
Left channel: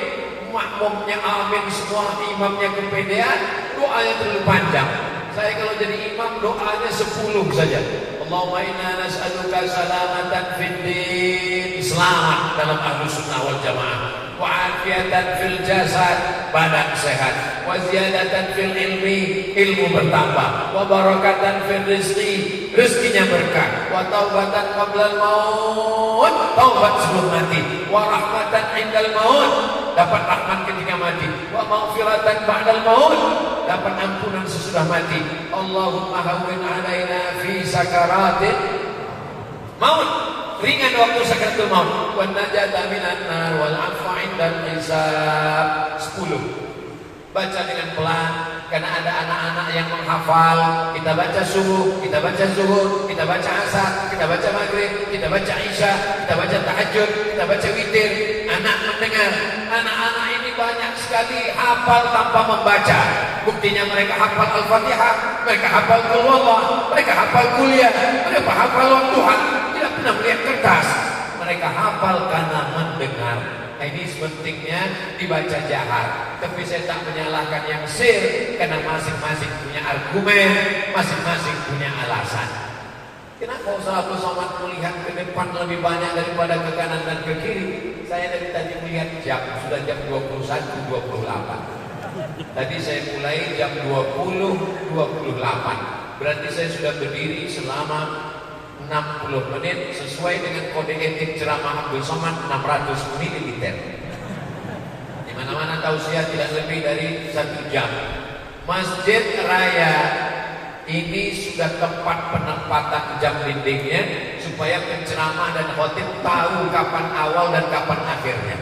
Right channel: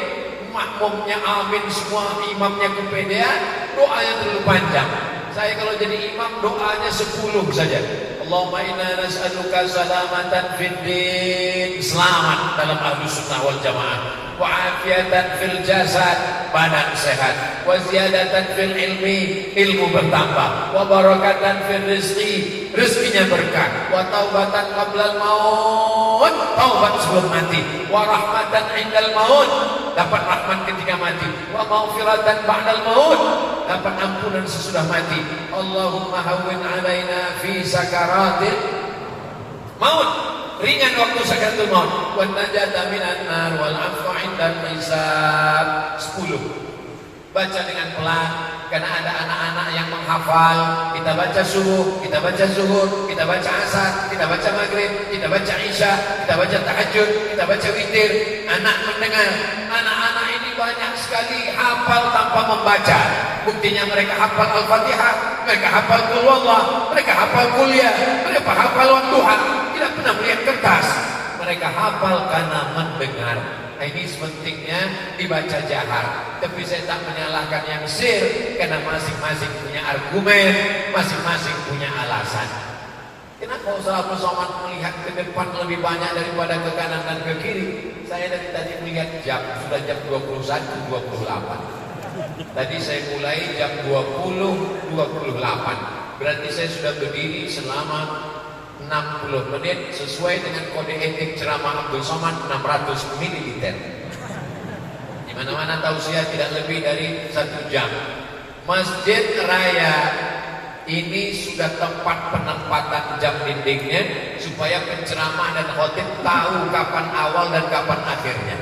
makmumnya amin semua, imamnya kepedean, doanya terlalu panjang. Saya kalau jadi imam doanya 10 saja. Allahumma inna nas'aluka salamatan fid din, selamat dalam Ahlus Sunnah wal Jamaah. Wa afiatan fil jasad, badan sehat. Wa ziyadatan fil ilmi, ilmu bertambah. Wa barakatan fil rizqi, rezekinya berkah. Wa taubatan qablal maut, taubat sebelum mati. Wa rahmatan indal maut, dapat rahmat ketika mati. Wa maghfiratan ba'dal maut, dapat ampunan sesudah mati. Allahumma hawwin alaina fi sakaratil maut, ringan waktu sakaratul maut. Wa najata minan nar wal afwa indal hisab. 10. Baca dengan pelan, Karena ada anak-anak yang menghafal, kita baca subuh, kita baca zuhur, kita baca asar, kita baca maghrib, kita baca isya, kita baca tahajud, kita baca witir. Anak mendengar, anak-anak ini banyak sekali hafal tanpa membaca. Buktinya mereka hafal Al-Fatihah, mereka hafal Qul Huwallah, mereka hafal kuliah, mereka hafal Tuhan, tidak pernah melihat kertas. Mereka hafal karena mendengar. Nah, ini pentingnya dibaca jahar. Tapi saya tak menyalahkan yang sir, karena masing-masing punya argumen, masing-masing punya alasan. Kenapa Ustaz Somad melihat ke depan lebih banyak daripada ke kanan dan ke kiri? Saya dari tadi melihat jam, sudah jam 21.28. Tadi saya mulai jam 20.28. Berarti saya sudah berdiri selama 60 menit sesuai dengan kode etik ceramah Abdul Somad 600 ml. Di mana-mana tausiah tidak lebih dari 1 jam. Masjid Raya ini sudah tempat penempatan jam dindingnya supaya penceramah dan khotib tahu kapan awal dan kapan akhirnya.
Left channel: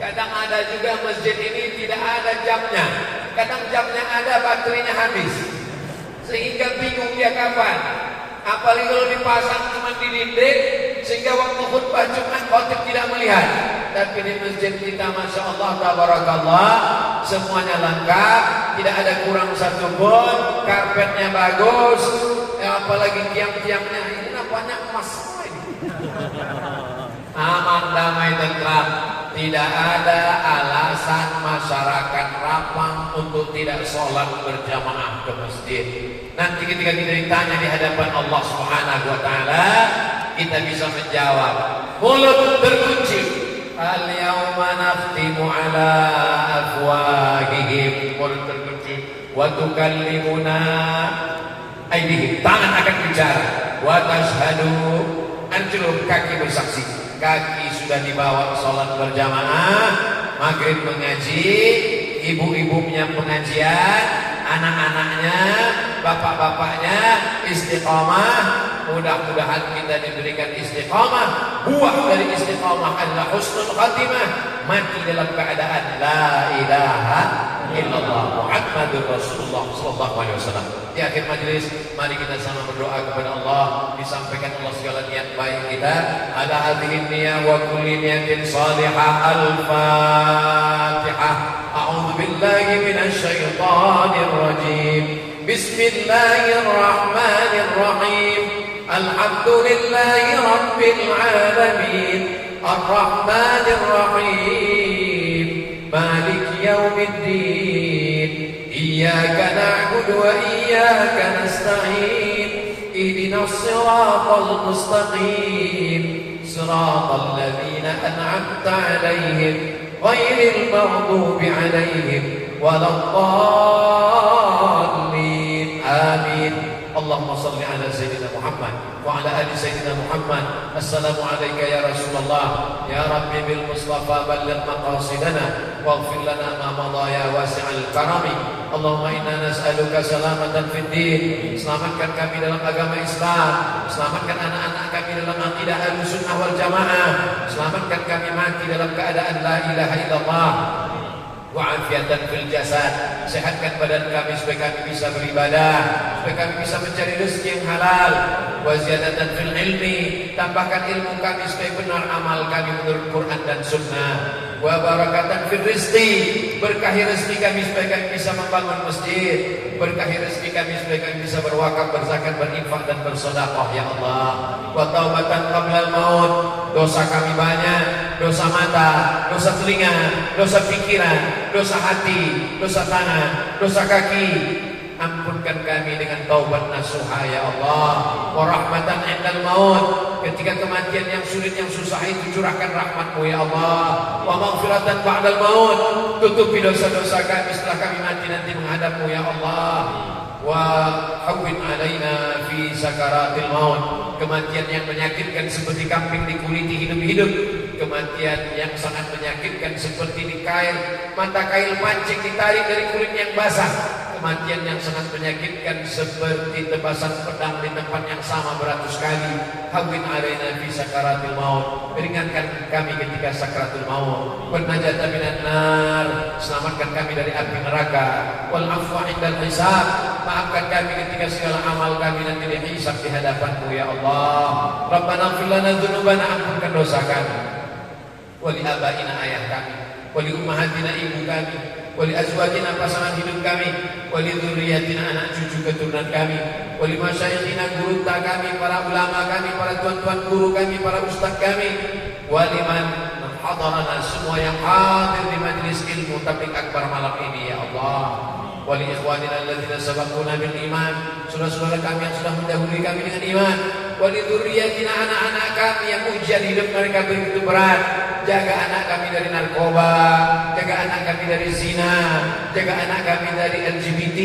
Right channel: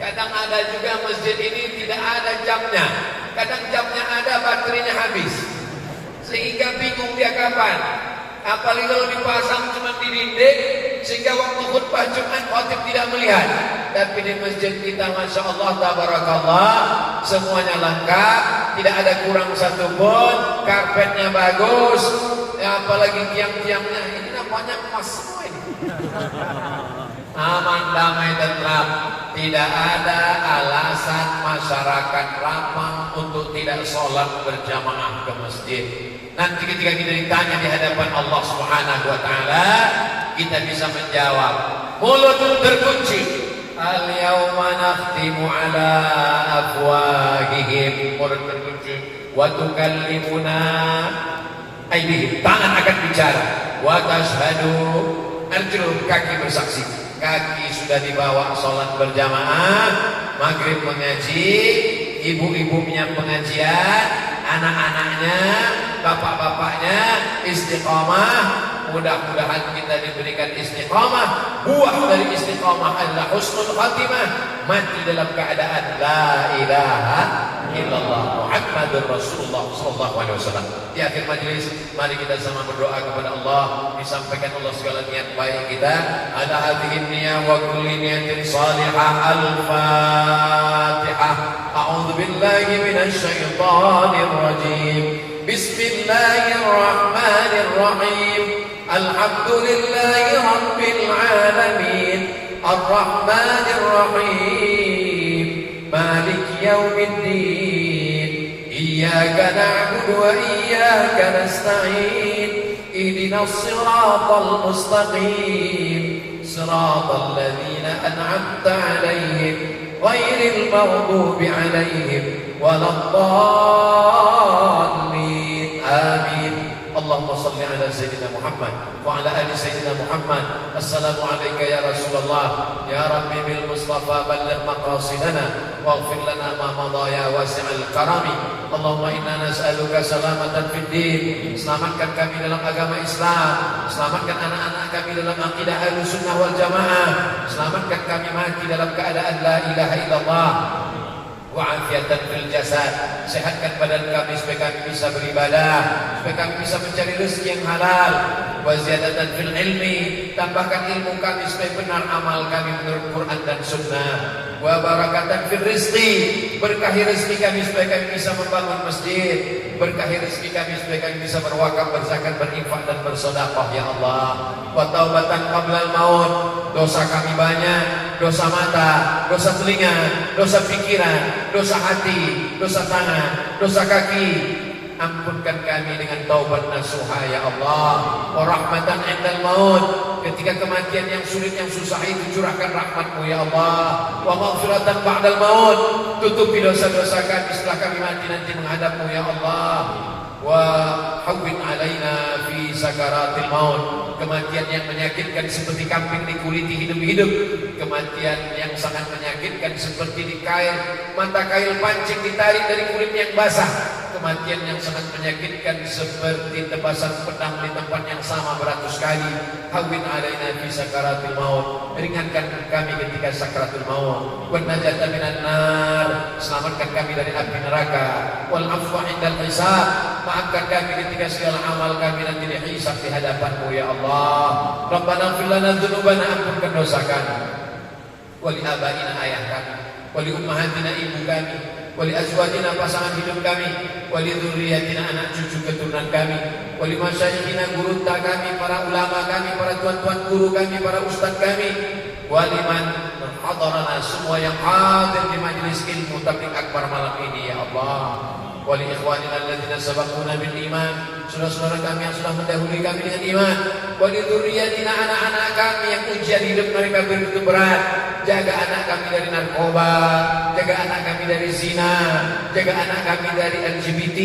Kadang ada juga masjid ini tidak ada jamnya. Kadang jamnya ada, baterainya habis. Sehingga bingung dia kapan. Apalagi kalau dipasang aman di dinding sehingga waktu khutbah Jumat khotib tidak melihat. Tapi di masjid kita Masya Allah tabarakallah, semuanya lengkap, tidak ada kurang satu pun, karpetnya bagus, apalagi tiang-tiangnya ini nampaknya emas semua ini. Aman, damai, tentram. Tidak ada alasan masyarakat Rempang untuk tidak sholat berjamaah ke masjid. Nanti ketika kita ditanya di hadapan Allah Subhanahu wa taala, kita bisa menjawab. Mulut berkunci. Al-yawma nakhtimu ala afwahihim. Mulut berkunci. Wa tukallimuna aydihim. Tangan akan bicara. Wa tashhadu arjuluhum, kaki bersaksi. Kaki sudah dibawa sholat berjamaah, maghrib mengaji, ibu-ibunya pengajian, anak-anaknya, bapak-bapaknya istiqamah. Mudah-mudahan kita diberikan istiqamah. Buah dari istiqamah adalah husnul khatimah, mati dalam keadaan la ilaha illallah Muhammadur Rasulullah sallallahu alaihi wasallam. Di akhir majelis, mari kita sama berdoa kepada Allah, disampaikan Allah segala niat baik kita. Ala hadhihi niyyah wa kulli niyatin salihah. Al-Fatihah. A'udzu billahi minasy syaithanir rajim. Bismillahirrahmanirrahim. Alhamdulillahi rabbil alamin. Ar-Rahmanir Rahim. Malik yaumiddin. Iyyaka na'budu wa iyyaka nasta'in. Ihdinas siratal mustaqim. Siratal ladzina an'amta 'alaihim ghairil maghdubi 'alaihim waladdallin. Amin. Allahumma salli ala Sayyidina Muhammad wa ala ali Sayyidina Muhammad. Assalamu alayka ya Rasulullah. Ya Rabbi bil Mustafa balligh maqasidana waghfir lana ma madha ya wasi'al karami. Allahumma inna nas'aluka salamatan fid din. Selamatkan kami dalam agama Islam. Selamatkan anak-anak kami dalam akidah Ahlussunnah wal Jamaah. Selamatkan kami mati dalam keadaan la ilaha illallah. Wa'afiatan fil jasad. Sehatkan badan kami supaya kami bisa beribadah, supaya kami bisa mencari rezeki yang halal. Wa ziyadatan fil ilmi. Tambahkan ilmu kami supaya benar amal kami menurut Quran dan Sunnah. Wa barakatan fil rizqi. Berkahi rezeki kami supaya kami bisa membangun masjid. Berkahi rezeki kami supaya kami bisa berwakaf, berzakat, berinfak dan bersedekah ya Allah. Wa taubatan qablal maut. Dosa kami banyak, dosa mata, dosa telinga, dosa pikiran, dosa hati, dosa tangan, dosa kaki. Ampunkan kami dengan taubat nasuha ya Allah. Wa rahmatan indal maut. Ketika kematian yang sulit, yang susah itu, curahkan rahmat-Mu ya Allah. Wa maghfiratan ba'dal maut. Tutupi dosa-dosa kami setelah kami mati nanti menghadap-Mu ya Allah. Wa hawwin alaina fi sakaratil maut. Kematian yang menyakitkan seperti kambing dikuliti hidup-hidup. Kematian yang sangat menyakitkan seperti mata kail pancing ditarik dari kulit yang basah. kematian yang sangat menyakitkan seperti tebasan pedang di tempat yang sama beratus kali. Hawwin alaina fi sakaratil maut, ringankan kami ketika sakaratul maut. Wan najata minan nar, selamatkan kami dari api neraka. Wal afwa indal hisab, maafkan kami ketika segala amal kami nanti dihisab di hadapan-Mu ya Allah. Rabbana ighfir lana dzunubana, ampunkan dosa kami. Wa li abaina, ayah kami, wa li ummahatina, ibu kami, wa li azwajina, pasangan hidup kami, wa li dzurriyyatina, anak cucu keturunan kami, wa li masyayikhina, guru kami, para ulama kami, para tuan-tuan guru kami, para ustaz kami, wa liman hadarana, semua yang hadir di majelis ilmu tabligh akbar malam ini ya Allah. Wa li ikhwanina alladzina sabaquna bil iman, saudara-saudara kami yang sudah mendahului kami dengan iman. Wa li dzurriyyatina, anak-anak kami yang ujian hidup mereka begitu berat. Jaga anak kami dari narkoba, jaga anak kami dari zina, jaga anak kami dari LGBT,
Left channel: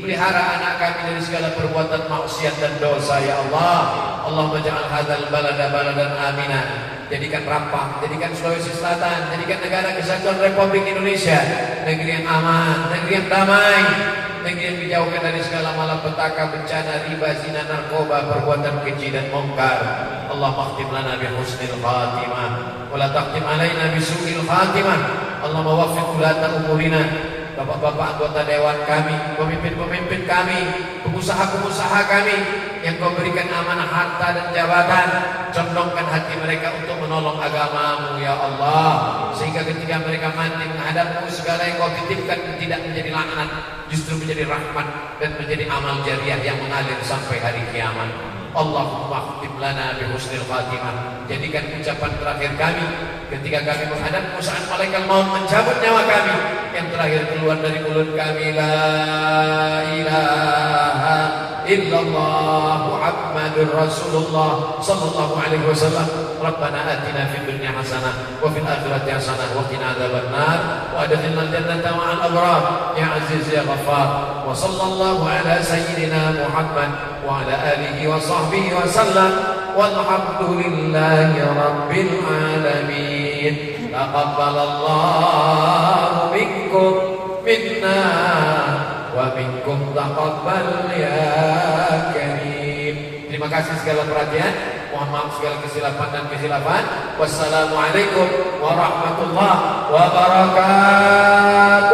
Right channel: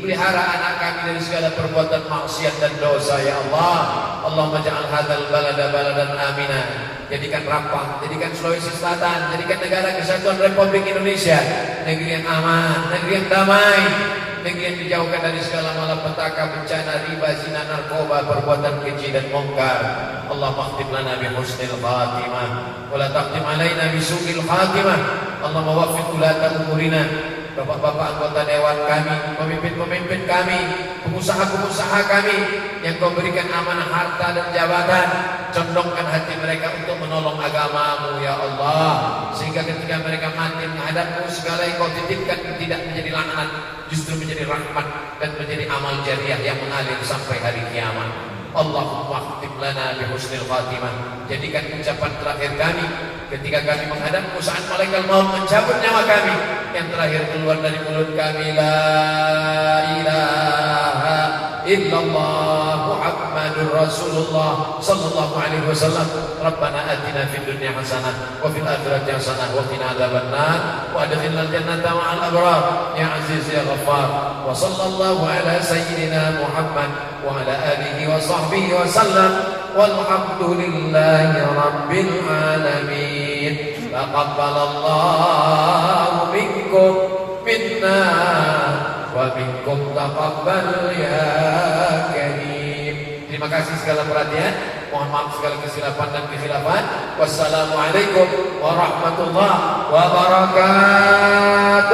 pelihara anak kami dari segala perbuatan maksiat dan dosa ya Allah. Allahumma ja'al hadzal balada baladan amina, jadikan Rempang, jadikan Sulawesi Selatan, jadikan negara kesatuan Republik Indonesia negeri yang aman, negeri yang damai, negeri yang dijauhkan dari segala malapetaka, bencana, riba, zina, narkoba, perbuatan keji dan mungkar. Allahumma khtim lana bi husnil khatimah wa la taqtim alaina bi su'il khatimah. Allahumma waffiq ulata umurina, bapak-bapak anggota dewan kami, pemimpin-pemimpin kami, pengusaha-pengusaha kami yang Kau berikan amanah harta dan jabatan, condongkan hati mereka untuk menolong agama-Mu ya Allah, sehingga ketika mereka mati menghadap-Mu, segala yang Kau titipkan tidak menjadi laknat, justru menjadi rahmat dan menjadi amal jariah yang mengalir sampai hari kiamat. Allahumma khtim lana bi husnil khatimah, jadikan ucapan terakhir kami ketika kami menghadap-Mu saat malaikat maut mencabut nyawa kami, yang terakhir keluar dari mulut kami, la ilaha illallah Muhammadur Rasulullah sallallahu alaihi wasallam. Rabbana atina fid dunya hasanah wa fil akhirati hasanah wa qina adzabannar wa adkhilnal jannata ma'al abrar ya aziz ya ghaffar. Wa sallallahu ala sayyidina Muhammad wa ala alihi wa sahbihi wa sallam, walhamdulillahi rabbil alamin. Taqabbalallahu minkum minna wa minkum taqabbal ya karim. Terima kasih segala perhatian, mohon maaf segala kesilapan dan kekhilafan. Wassalamualaikum warahmatullahi wabarakatuh.